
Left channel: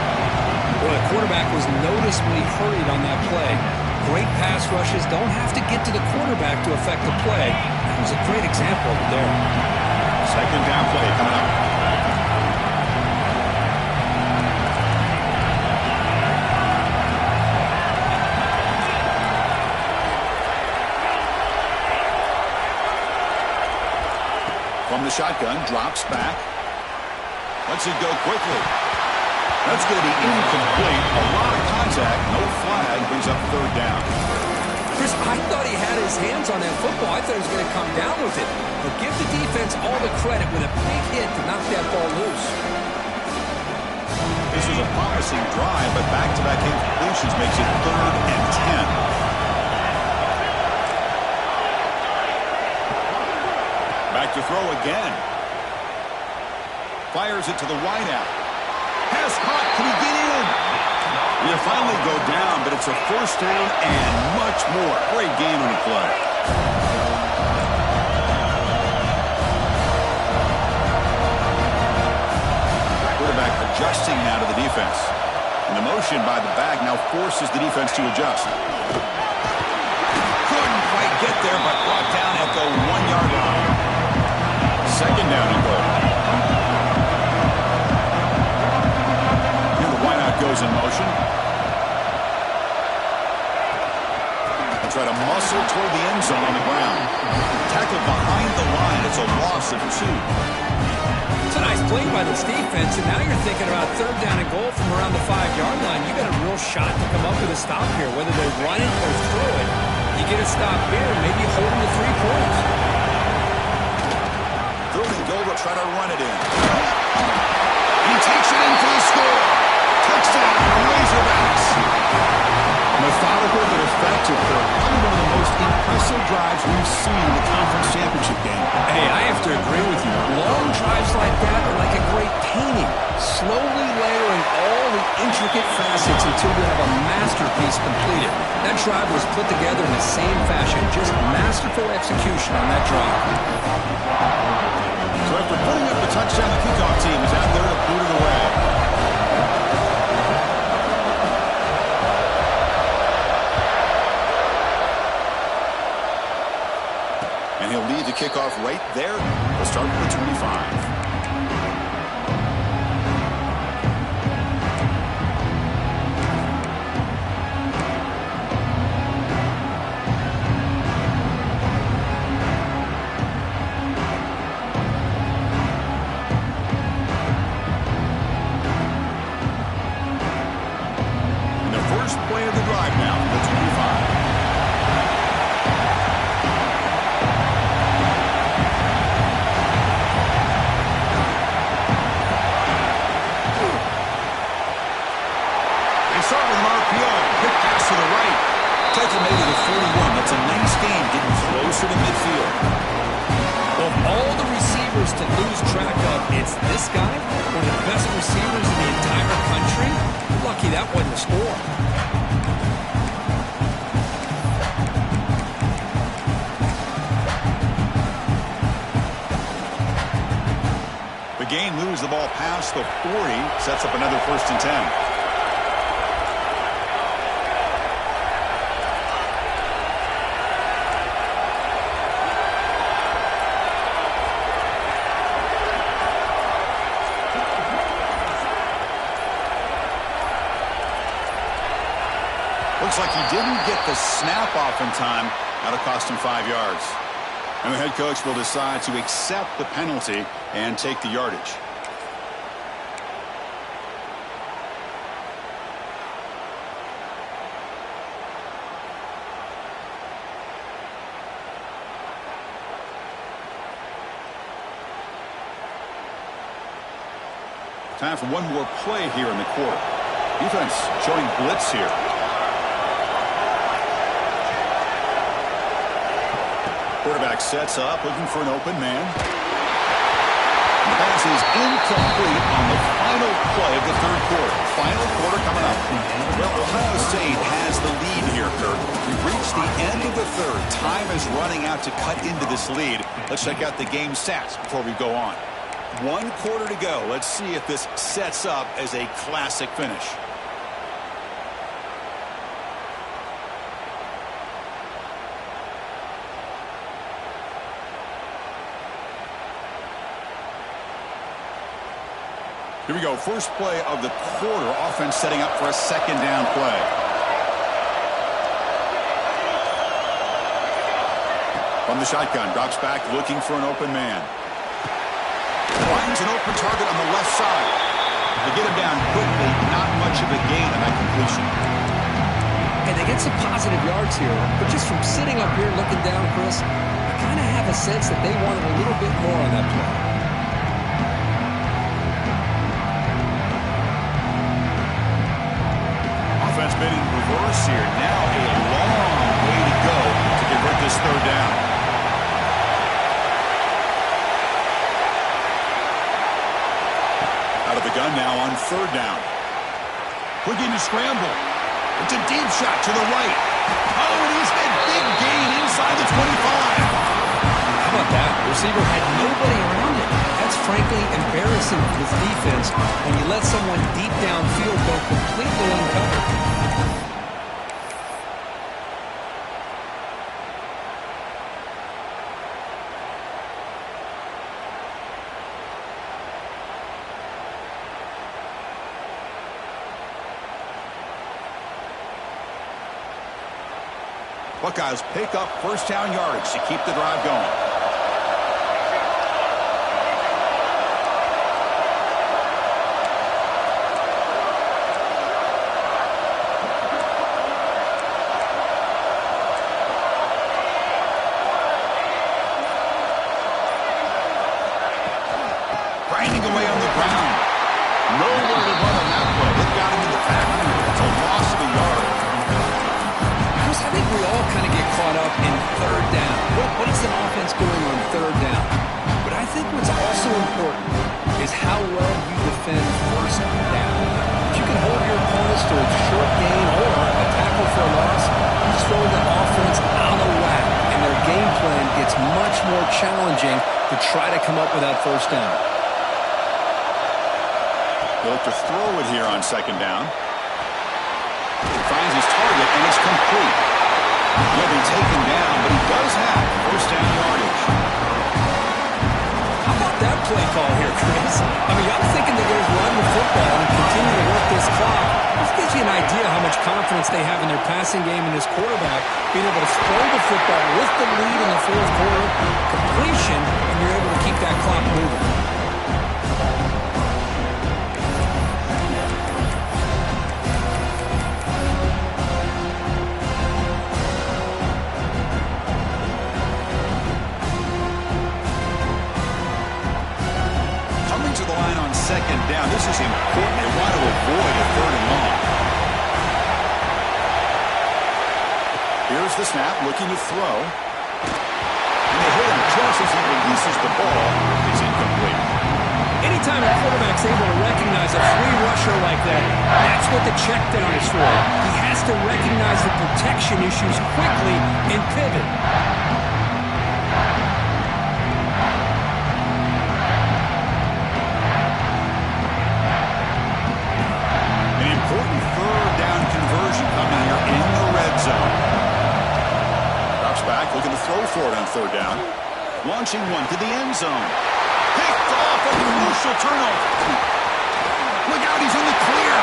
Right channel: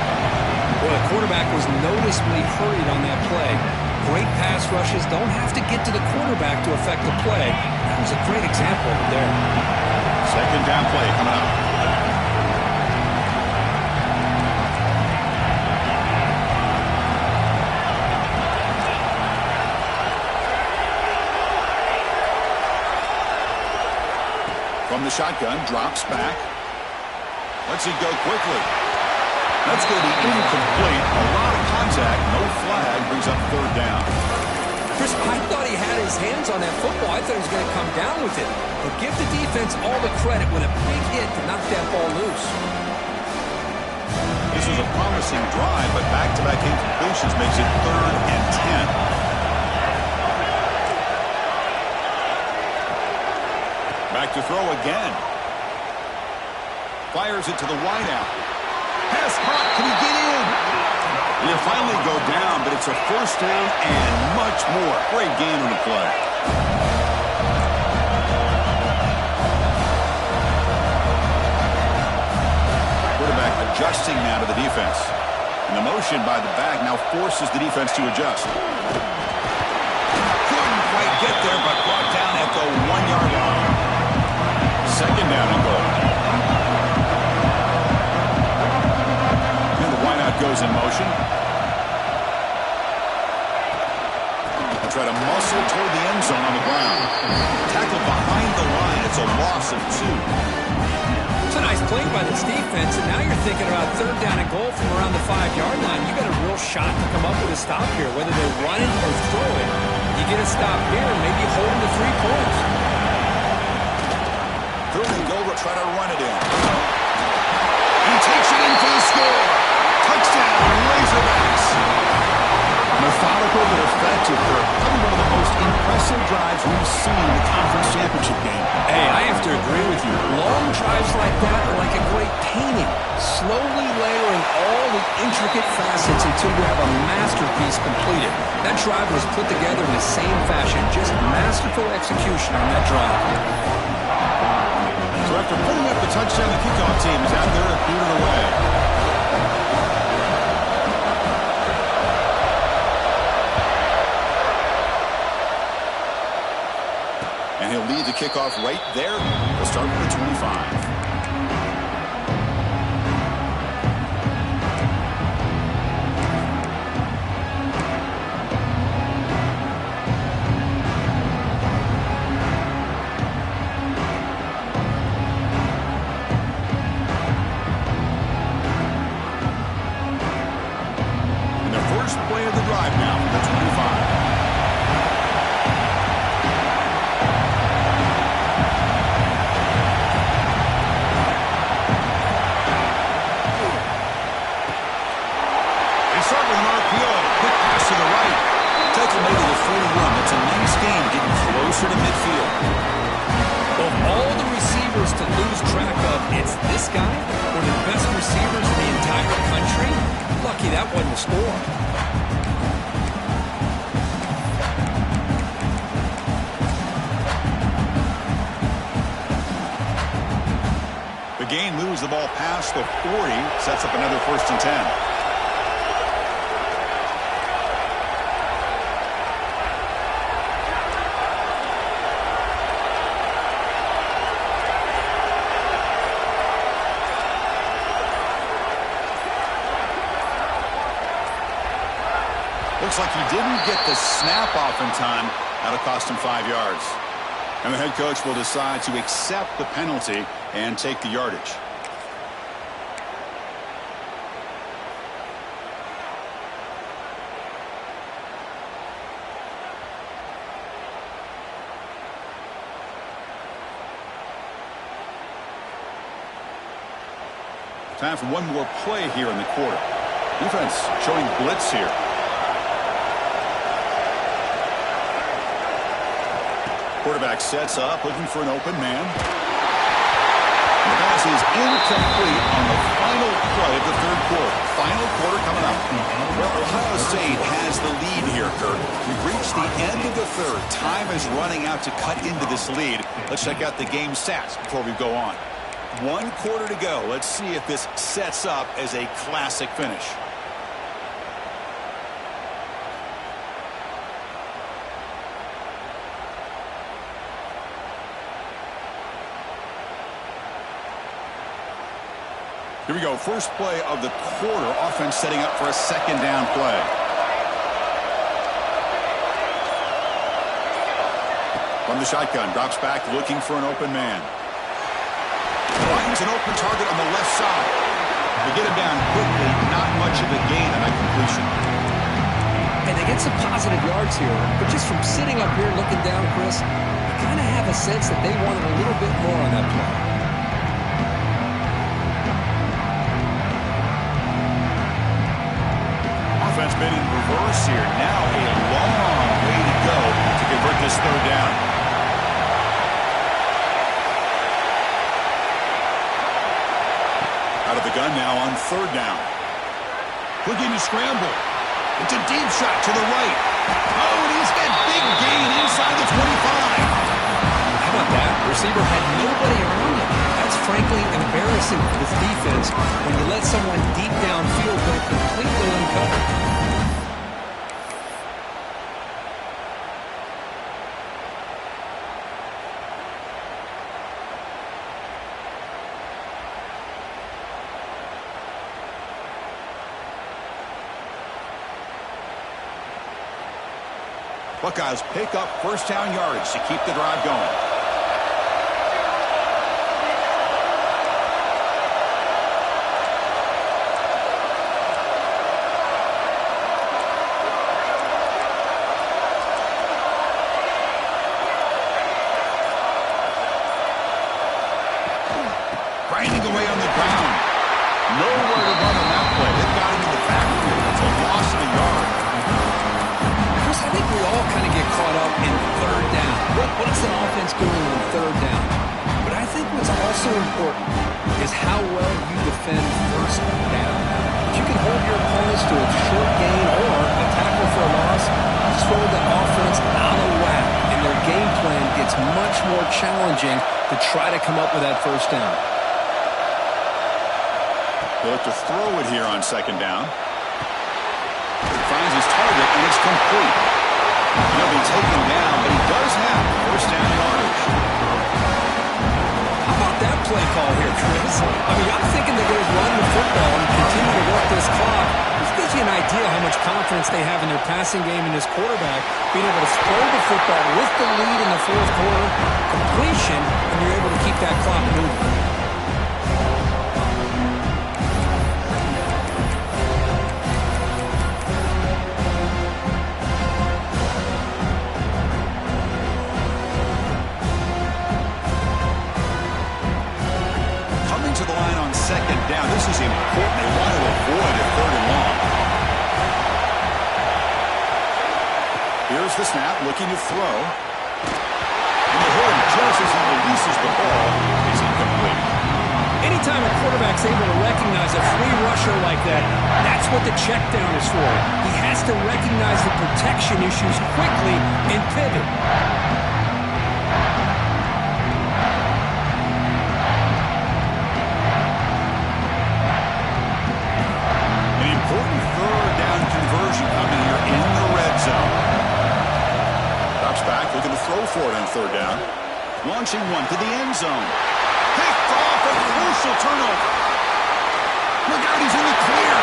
Well, the quarterback was noticeably hurried on that play. Great pass rushes don't have to get to the quarterback to affect the play. That was a great example of it there. 2nd down play coming up. From the shotgun, drops back. Lets it go quickly. That's going to be incomplete. A lot of contact, no flag, brings up 3rd down. Chris, I thought he had his hands on that football. I thought he was going to come down with it. But give the defense all the credit with a big hit to knock that ball loose. This was a promising drive, but back-to-back incompletions makes it 3rd and 10. Back to throw again. Fires it to the wideout. Pass caught. Can he get in? He'll finally go down, but it's a 1st down and much more. Great game on the play. Quarterback adjusting now to the defense. And the motion by the back now forces the defense to adjust. Couldn't quite get there, but brought down at the 1-yard line. 2nd down and goal. And the wideout goes in motion. And try to muscle toward the end zone on the ground. Tackled behind the line. It's a loss of 2. It's a nice play by this defense, and now you're thinking about 3rd down and goal from around the 5-yard line. You got a real shot to come up with a stop here, whether they run it or throw it. You get a stop here, maybe hold them to 3 points. 3rd and goal, will try to run it in. He takes it in for the score. Touchdown, Razorbacks. Methodical but effective for probably one of the most impressive drives we've seen in the conference championship game. Hey, I have to agree with you. Long drives like that are like a great painting, slowly layering all the intricate facets until you have a masterpiece completed. That drive was put together in the same fashion, just masterful execution on that drive. So after putting up the touchdown, the kickoff team is out there to boot it away. And he'll lead the kickoff right there. We'll start with the 25. Play of the drive now from the 25. They start with an RPO. Quick pass to the right. Tackle made to the 41. That's a nice gain, getting closer to midfield. Of all the receivers to lose track of, it's this guy, one of the best receivers in the entire country. Lucky that wasn't the score. The gain moves the ball past the 40, sets up another 1st and 10. Looks like he didn't get the snap off in time. That'll cost him 5 yards. And the head coach will decide to accept the penalty and take the yardage. Time for one more play here in the quarter. Defense showing blitz here. Quarterback sets up, looking for an open man. And the pass is incomplete on the final play of the third quarter. Final quarter coming up. Well, Ohio State has the lead here, Kirk. We've reached the end of the third. Time is running out to cut into this lead. Let's check out the game stats before we go on. 1 quarter to go. Let's see if this sets up as a classic finish. Here we go. First play of the quarter. Offense setting up for a second down play. From the shotgun. Drops back looking for an open man. Finds an open target on the left side. They get him down quickly. Not much of a gain on that completion. And they get some positive yards here. But just from sitting up here looking down, Chris, I kind of have a sense that they wanted a little bit more on that play. Offense made in reverse here. Now a long way to go to convert this third down. Out of the gun now on third down. Looking to scramble. It's a deep shot to the right. Oh, and he's got big gain inside the 25. How about that? The receiver had nobody around him. That's frankly embarrassing for this defense when you let someone deep downfield go completely uncovered. Buckeyes pick up first down yardage to keep the drive going. Grinding away on the ground. Nowhere to run on that play. They've got him in the backfield. That's a loss of a yard. Chris, I think we all kind of get caught up in third down. What is an offense doing on third down? But I think what's also important is how well you defend first down. If you can hold your opponents to a short gain or a tackle for a loss, you throw the offense out of whack, and their game plan gets much more challenging to try to come up with that first down. He'll look to throw it here on second down. He finds his target, and it's complete. He'll be taken down, but he does have first down yardage. How about that play call here, Chris? I mean, I'm thinking they're going to run the football and continue to work this clock. This gives you an idea how much confidence they have in their passing game and this quarterback being able to throw the football with the lead in the fourth quarter, completion, and you're able to keep that clock moving. To the line on second down. This is important. They want to avoid a third and long. Here's the snap, looking to throw. And they hit him just as he releases the ball. It's incomplete. Anytime a quarterback's able to recognize a free rusher like that, that's what the check down is for. He has to recognize the protection issues quickly and pivot. Important third down conversion coming here in the red zone. Drops back, looking to throw for it on third down. Launching one to the end zone. Picked off, a crucial turnover. Look out, he's in the clear.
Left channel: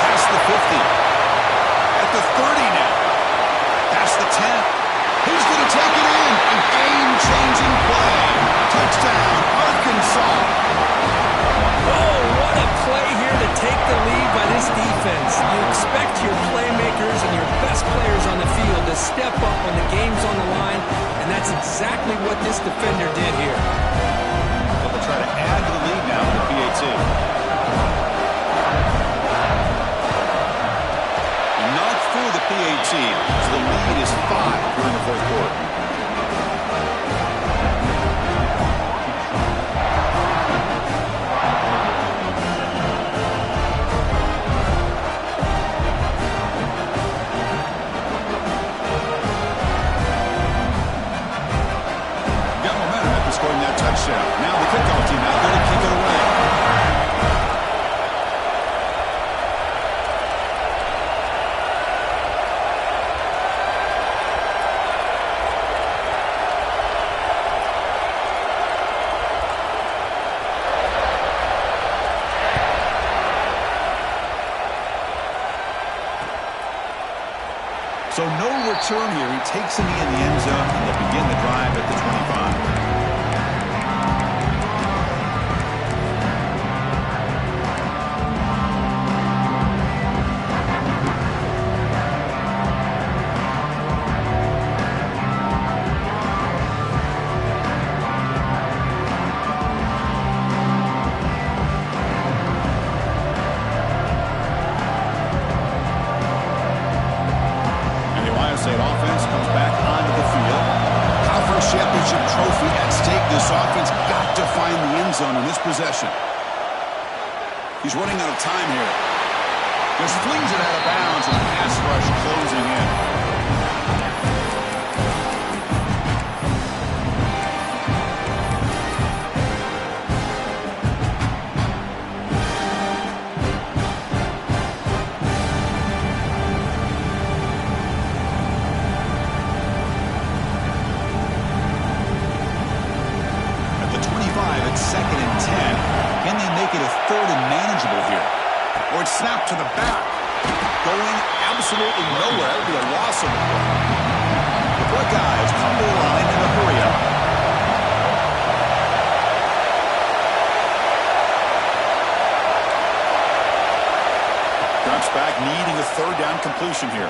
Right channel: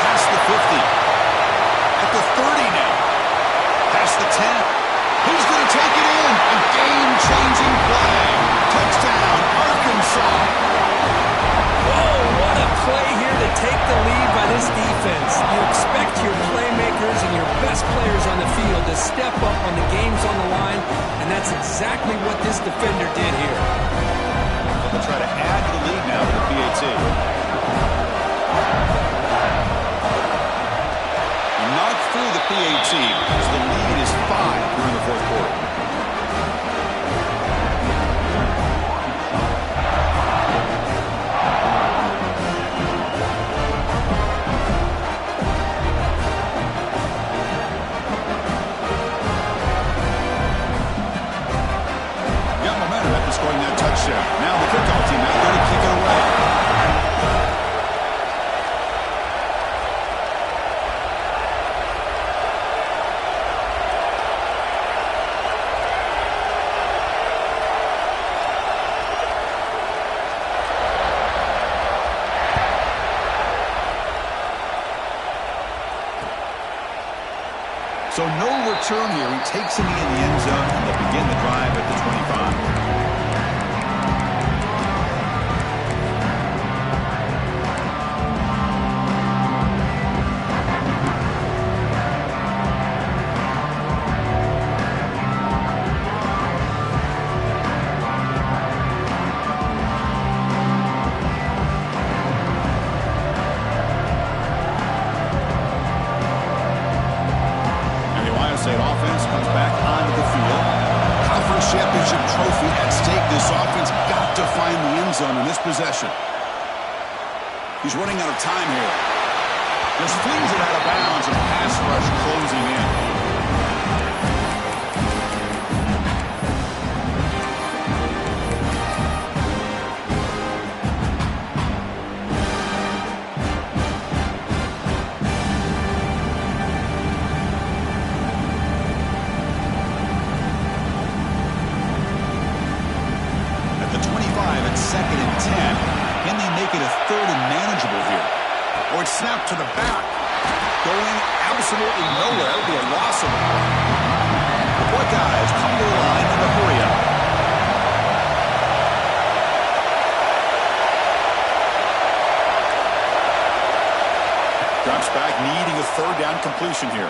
Past the 50. At the 30 now. Past the 10. He's going to take Game-changing play. Touchdown, Arkansas. Whoa, what a play here to take the lead by this defense. You expect your playmakers and your best players on the field to step up when the game's on the line, and that's exactly what this defender did here. So they'll try to add to the lead now with the PAT. Knocked through the PAT, so the lead is 5 here in the fourth quarter. Got momentum after scoring that touchdown. Now the kickoff team out there to kick it away. So no return here. He takes it in the end zone, and they'll begin the drive at the 25. Offense comes back onto the field. Conference championship trophy at stake. This offense got to find the end zone in this possession. He's running out of time here. Just flings it out of bounds and pass rush closing in. It's 2nd and 10. Can they make it a 3rd and manageable here? Or it's snapped to the back. Going absolutely nowhere. That would be a loss of the play. The Buckeyes come to the line in a hurry up. Drops back, needing a 3rd down completion here.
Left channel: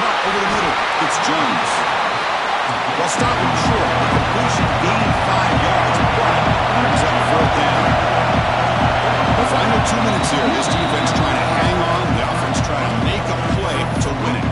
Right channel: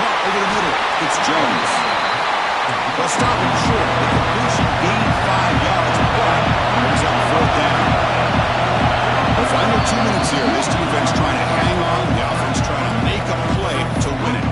Caught over the middle. It's Jones. They'll stop him short. The completion gained 5 yards, but brings up 4th down. The final 2 minutes here. This defense trying to hang on. The offense trying to make a play to win it.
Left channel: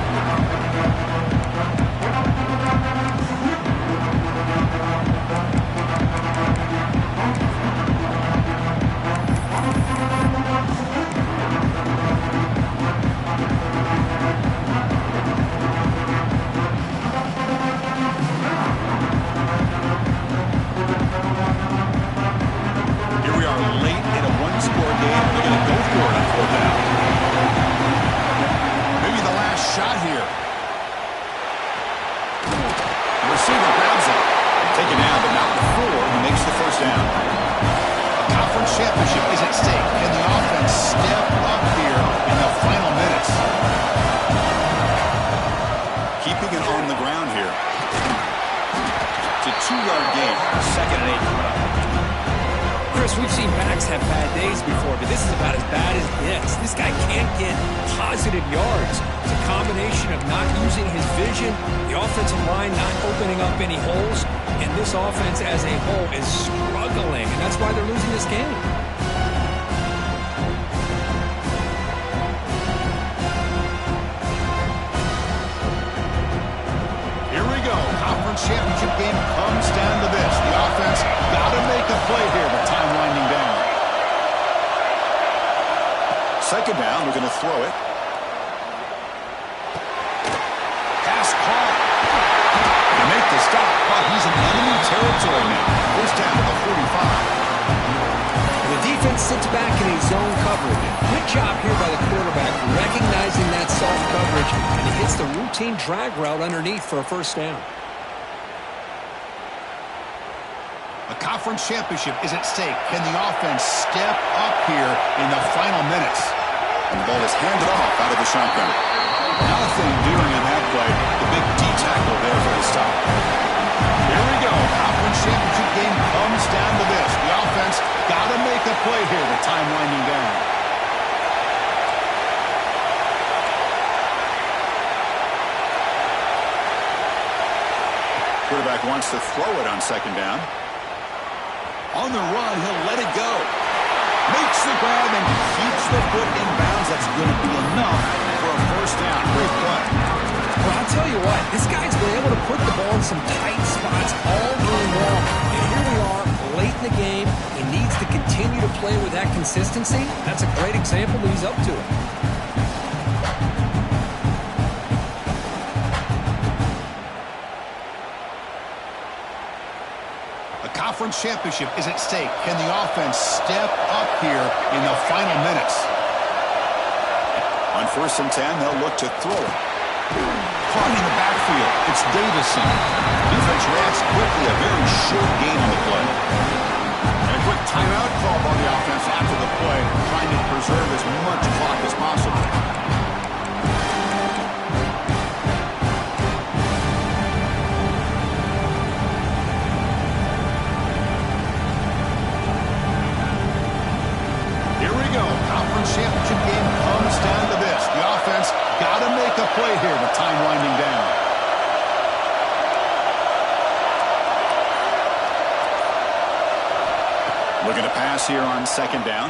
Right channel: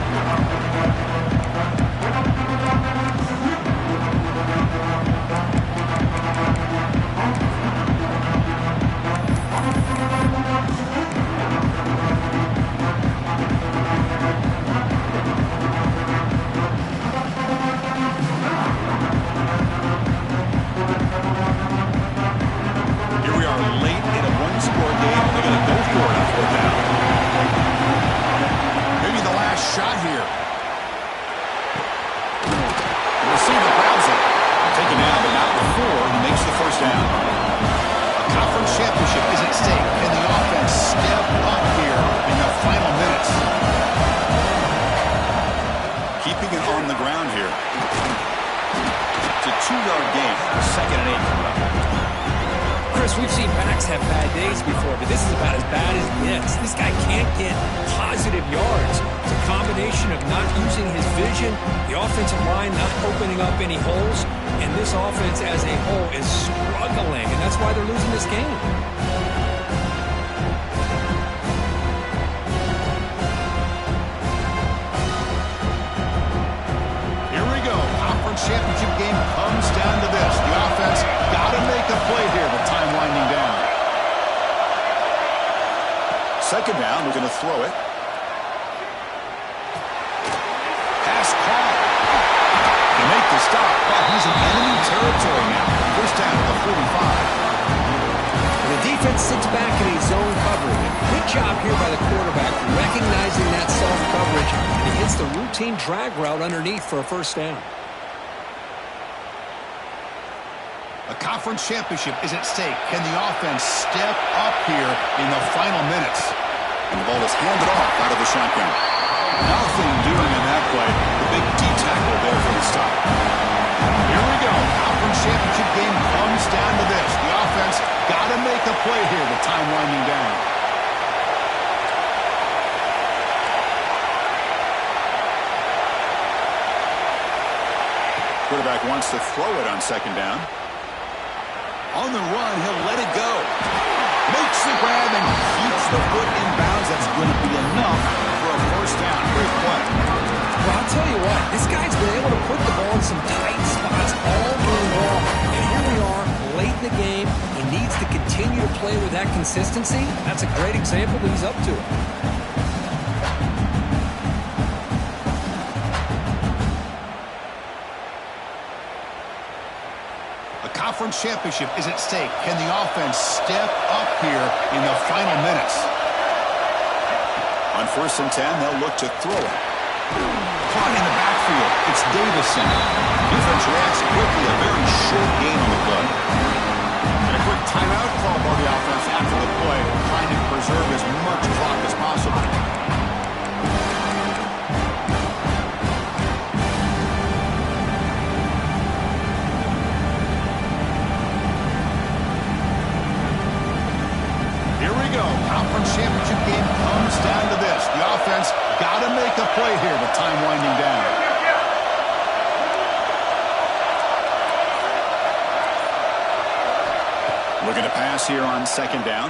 Shot here. The receiver grabs it. Taken down, but not before he makes the 1st down. A conference championship is at stake. Can the offense step up here in the final minutes? Keeping it on the ground here. It's a 2-yard gain. 2nd and 8 coming up. Chris, we've seen backs have bad days before, but this is about as bad as it gets. This guy can't get positive yards. It's a combination of not using his vision, the offensive line not opening up any holes, and this offense as a whole is struggling, and that's why they're losing this game. Here we go. Conference championship game comes down to this. The offense got to make a play here, but time winding down. 2nd down, we're going to throw it. Pass caught. They make the stop, but he's in enemy territory now. 1st down at the 45. The defense sits back in a zone coverage. Good job here by the quarterback, recognizing that soft coverage, and he hits the routine drag route underneath for a 1st down. A conference championship is at stake. Can the offense step up here in the final minutes? And the ball is handed off out of the shotgun. Nothing doing on that play. The big D tackle there for the stop. play here with time winding down. Quarterback wants to throw it on second down. On the run, he'll let it go. Makes the grab and keeps the foot in bounds. That's going to be enough for a first down. Great play. Well, I'll tell you what, this guy's been able to put the ball in some tight spots all game long. And here we are, late in the game. He needs to continue to play with that consistency. That's a great example that he's up to it. Conference championship is at stake. Can the offense step up here in the final minutes? On 1st and 10, they'll look to throw it. Caught in the backfield. It's Davison. Defense reacts quickly. A very short gain on the play. And a quick timeout call by the offense after the play, trying to preserve as much clock as possible. Here we go. Conference championship game comes down to this. The offense got to make a play here with time winding down. Looking to pass here on second down.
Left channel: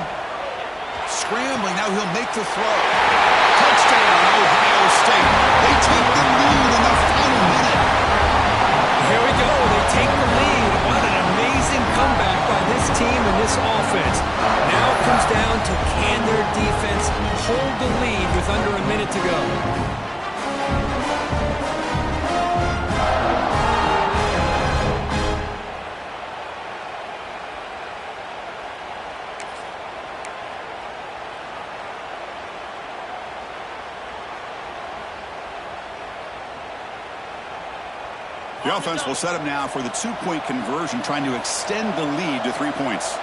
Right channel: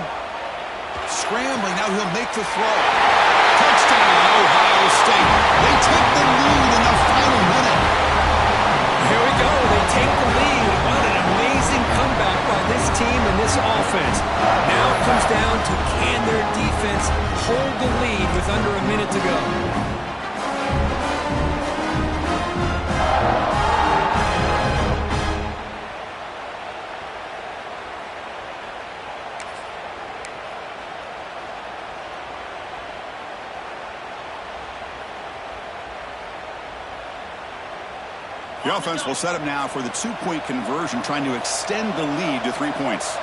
Scrambling. Now he'll make the throw. Touchdown, Ohio State. They take the lead in the final minute. Here we go. They take the lead. What an amazing comeback by this team and this offense. Now it comes down to can their defense hold the lead with under a minute to go. The offense will set up now for the 2-point conversion, trying to extend the lead to 3 points.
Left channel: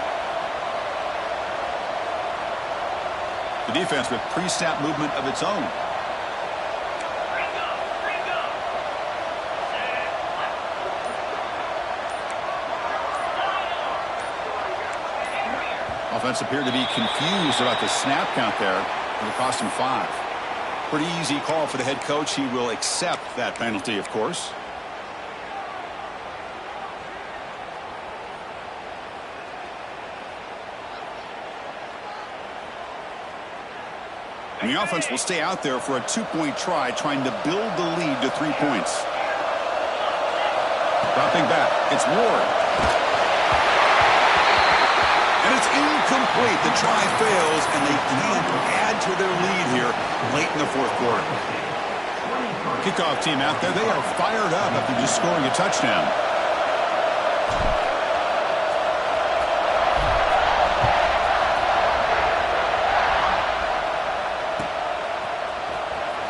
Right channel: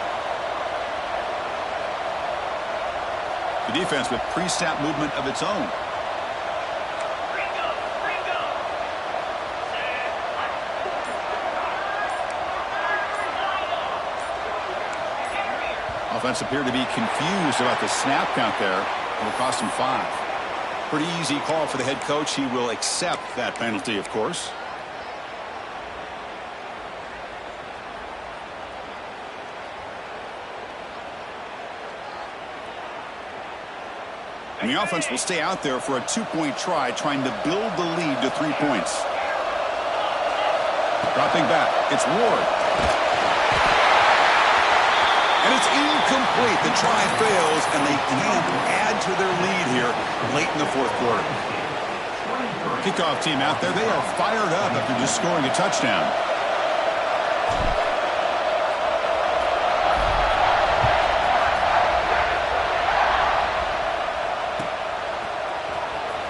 The defense with pre-snap movement of its own. Offense appeared to be confused about the snap count there. It'll cost him 5. Pretty easy call for the head coach. He will accept that penalty, of course. And the offense will stay out there for a 2-point try, trying to build the lead to 3 points. Dropping back, it's Ward. And it's incomplete. The try fails, and they can't add to their lead here late in the 4th quarter. Kickoff team out there, they are fired up after just scoring a touchdown.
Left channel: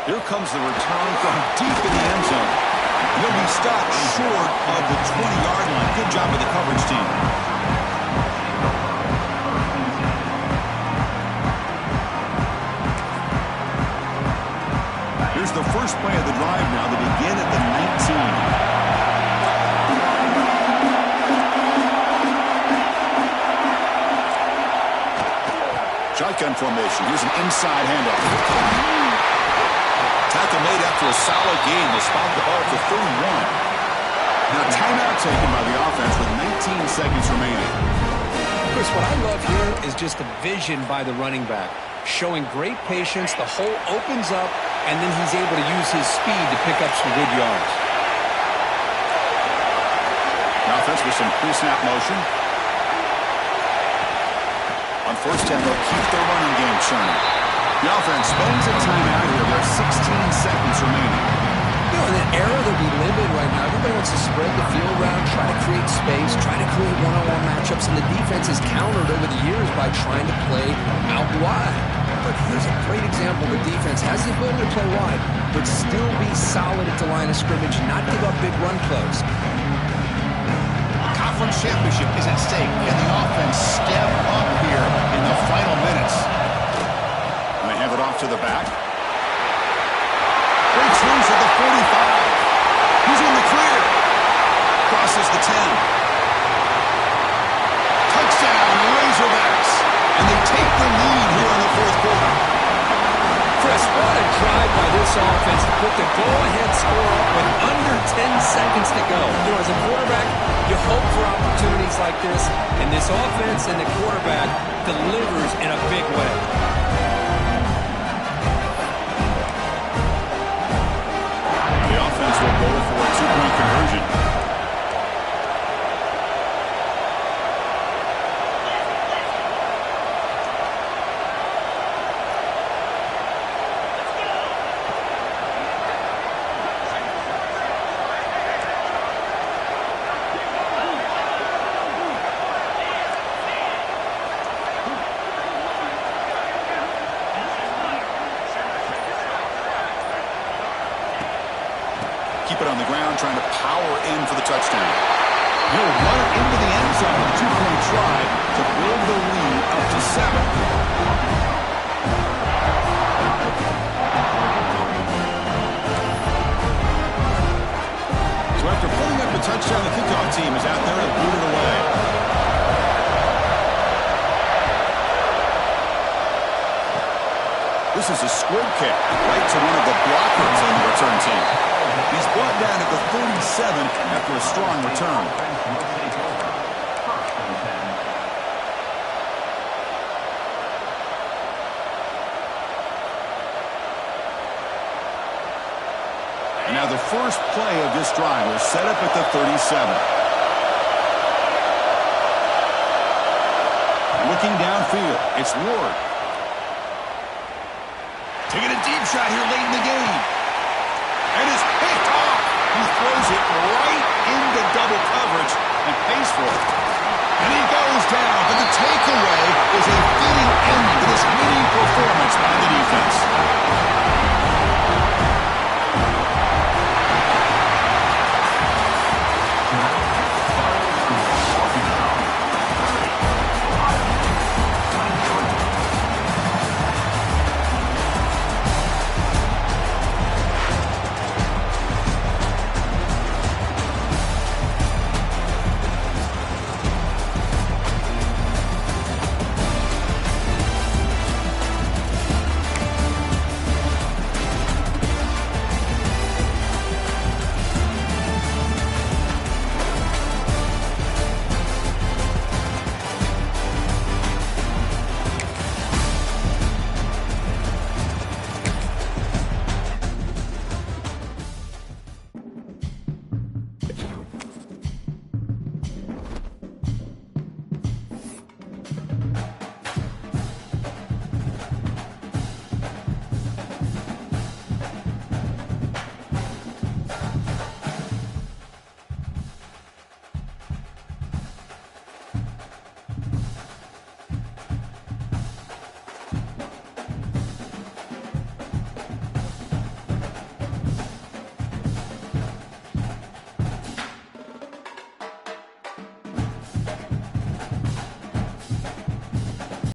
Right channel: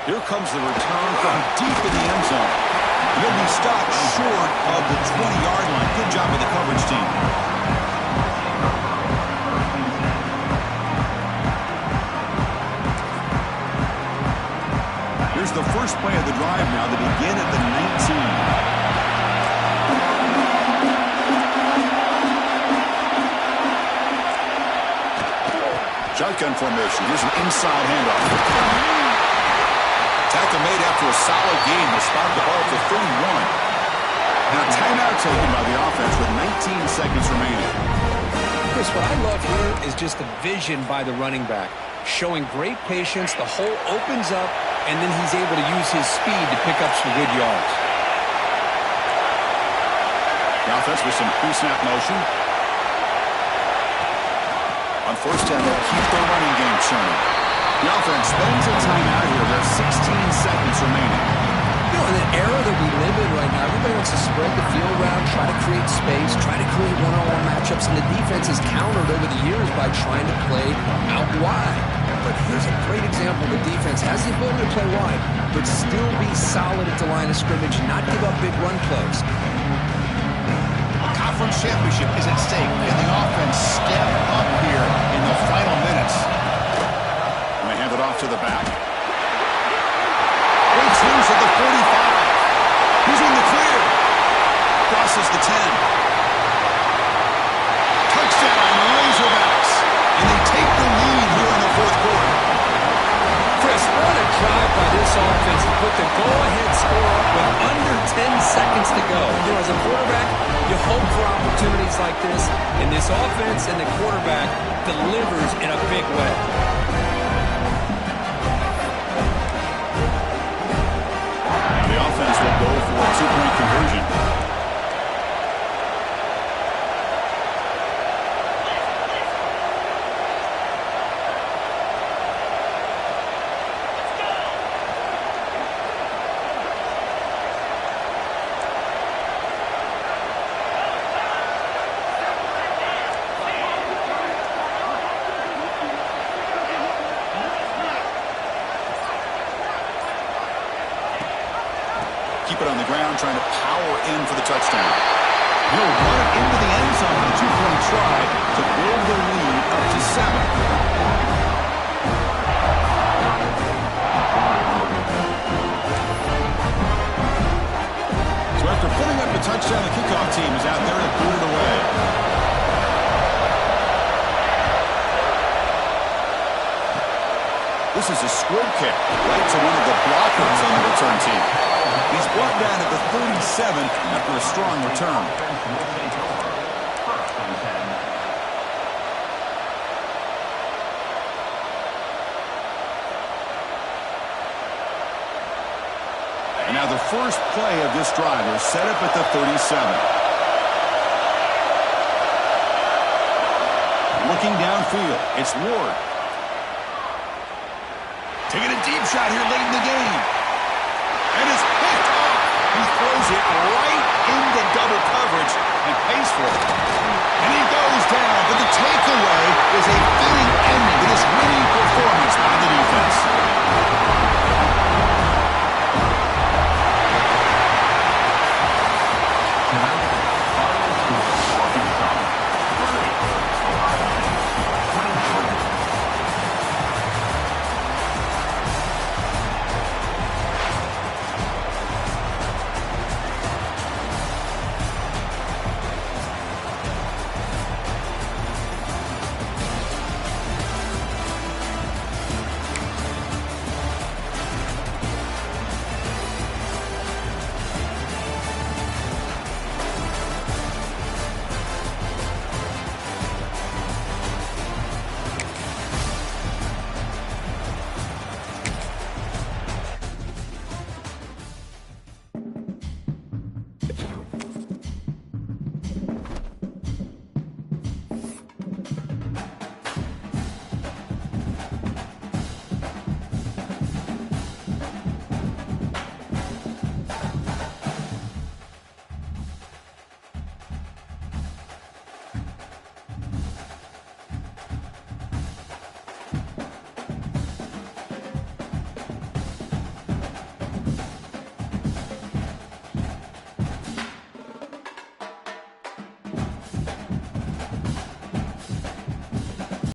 Here comes the return from deep in the end zone. And he'll be stopped short of the 20-yard line. Good job of the coverage team. Here's the first play of the drive now. They begin at the 19. Shotgun formation. Here's an inside handoff. Tackle made after a solid gain. They'll spot the ball at the 31. Now timeout taken by the offense with 19 seconds remaining. Chris, what I love here is just the vision by the running back. Showing great patience. The hole opens up, and then he's able to use his speed to pick up some good yards. The offense with some pre-snap motion. On 1st down, they'll keep their running game churning. The offense spends a timeout here. There's 16 seconds remaining. You know, in the era that we live in right now, everybody wants to spread the field around, try to create space, try to create one-on-one matchups, and the defense is countered over the years by trying to play out wide. But here's a great example. The defense has the ability to play wide, but still be solid at the line of scrimmage and not give up big run plays. A conference championship is at stake. Can the offense step up here in the final minutes? And they hand it off to the back. Breaks loose at the 45. He's in the clear. Crosses the 10. Touchdown, Razorbacks. and they take the lead here in the fourth quarter. Chris, what a drive by this offense to put the go-ahead score up with under 10 seconds to go. You know, as a quarterback, you hope for opportunities like this, and this offense and the quarterback delivers in a big way. Now the offense will go for a two-point conversion. Keep it on the ground, trying to power in for the touchdown. He'll run it into the end zone with a two-point try to build the lead up to 7. So after putting up a touchdown, the kickoff team is out there to boot it away. This is a squib kick right to one of the blockers on the return team. He's brought down at the 37 after a strong return. And now the first play of this drive is set up at the 37. Looking downfield, it's Ward. Taking a deep shot here late in the game. And it's picked off. He throws it right into double coverage and pays for it. And he goes down, but the takeaway is a fitting ending to this winning performance by the defense.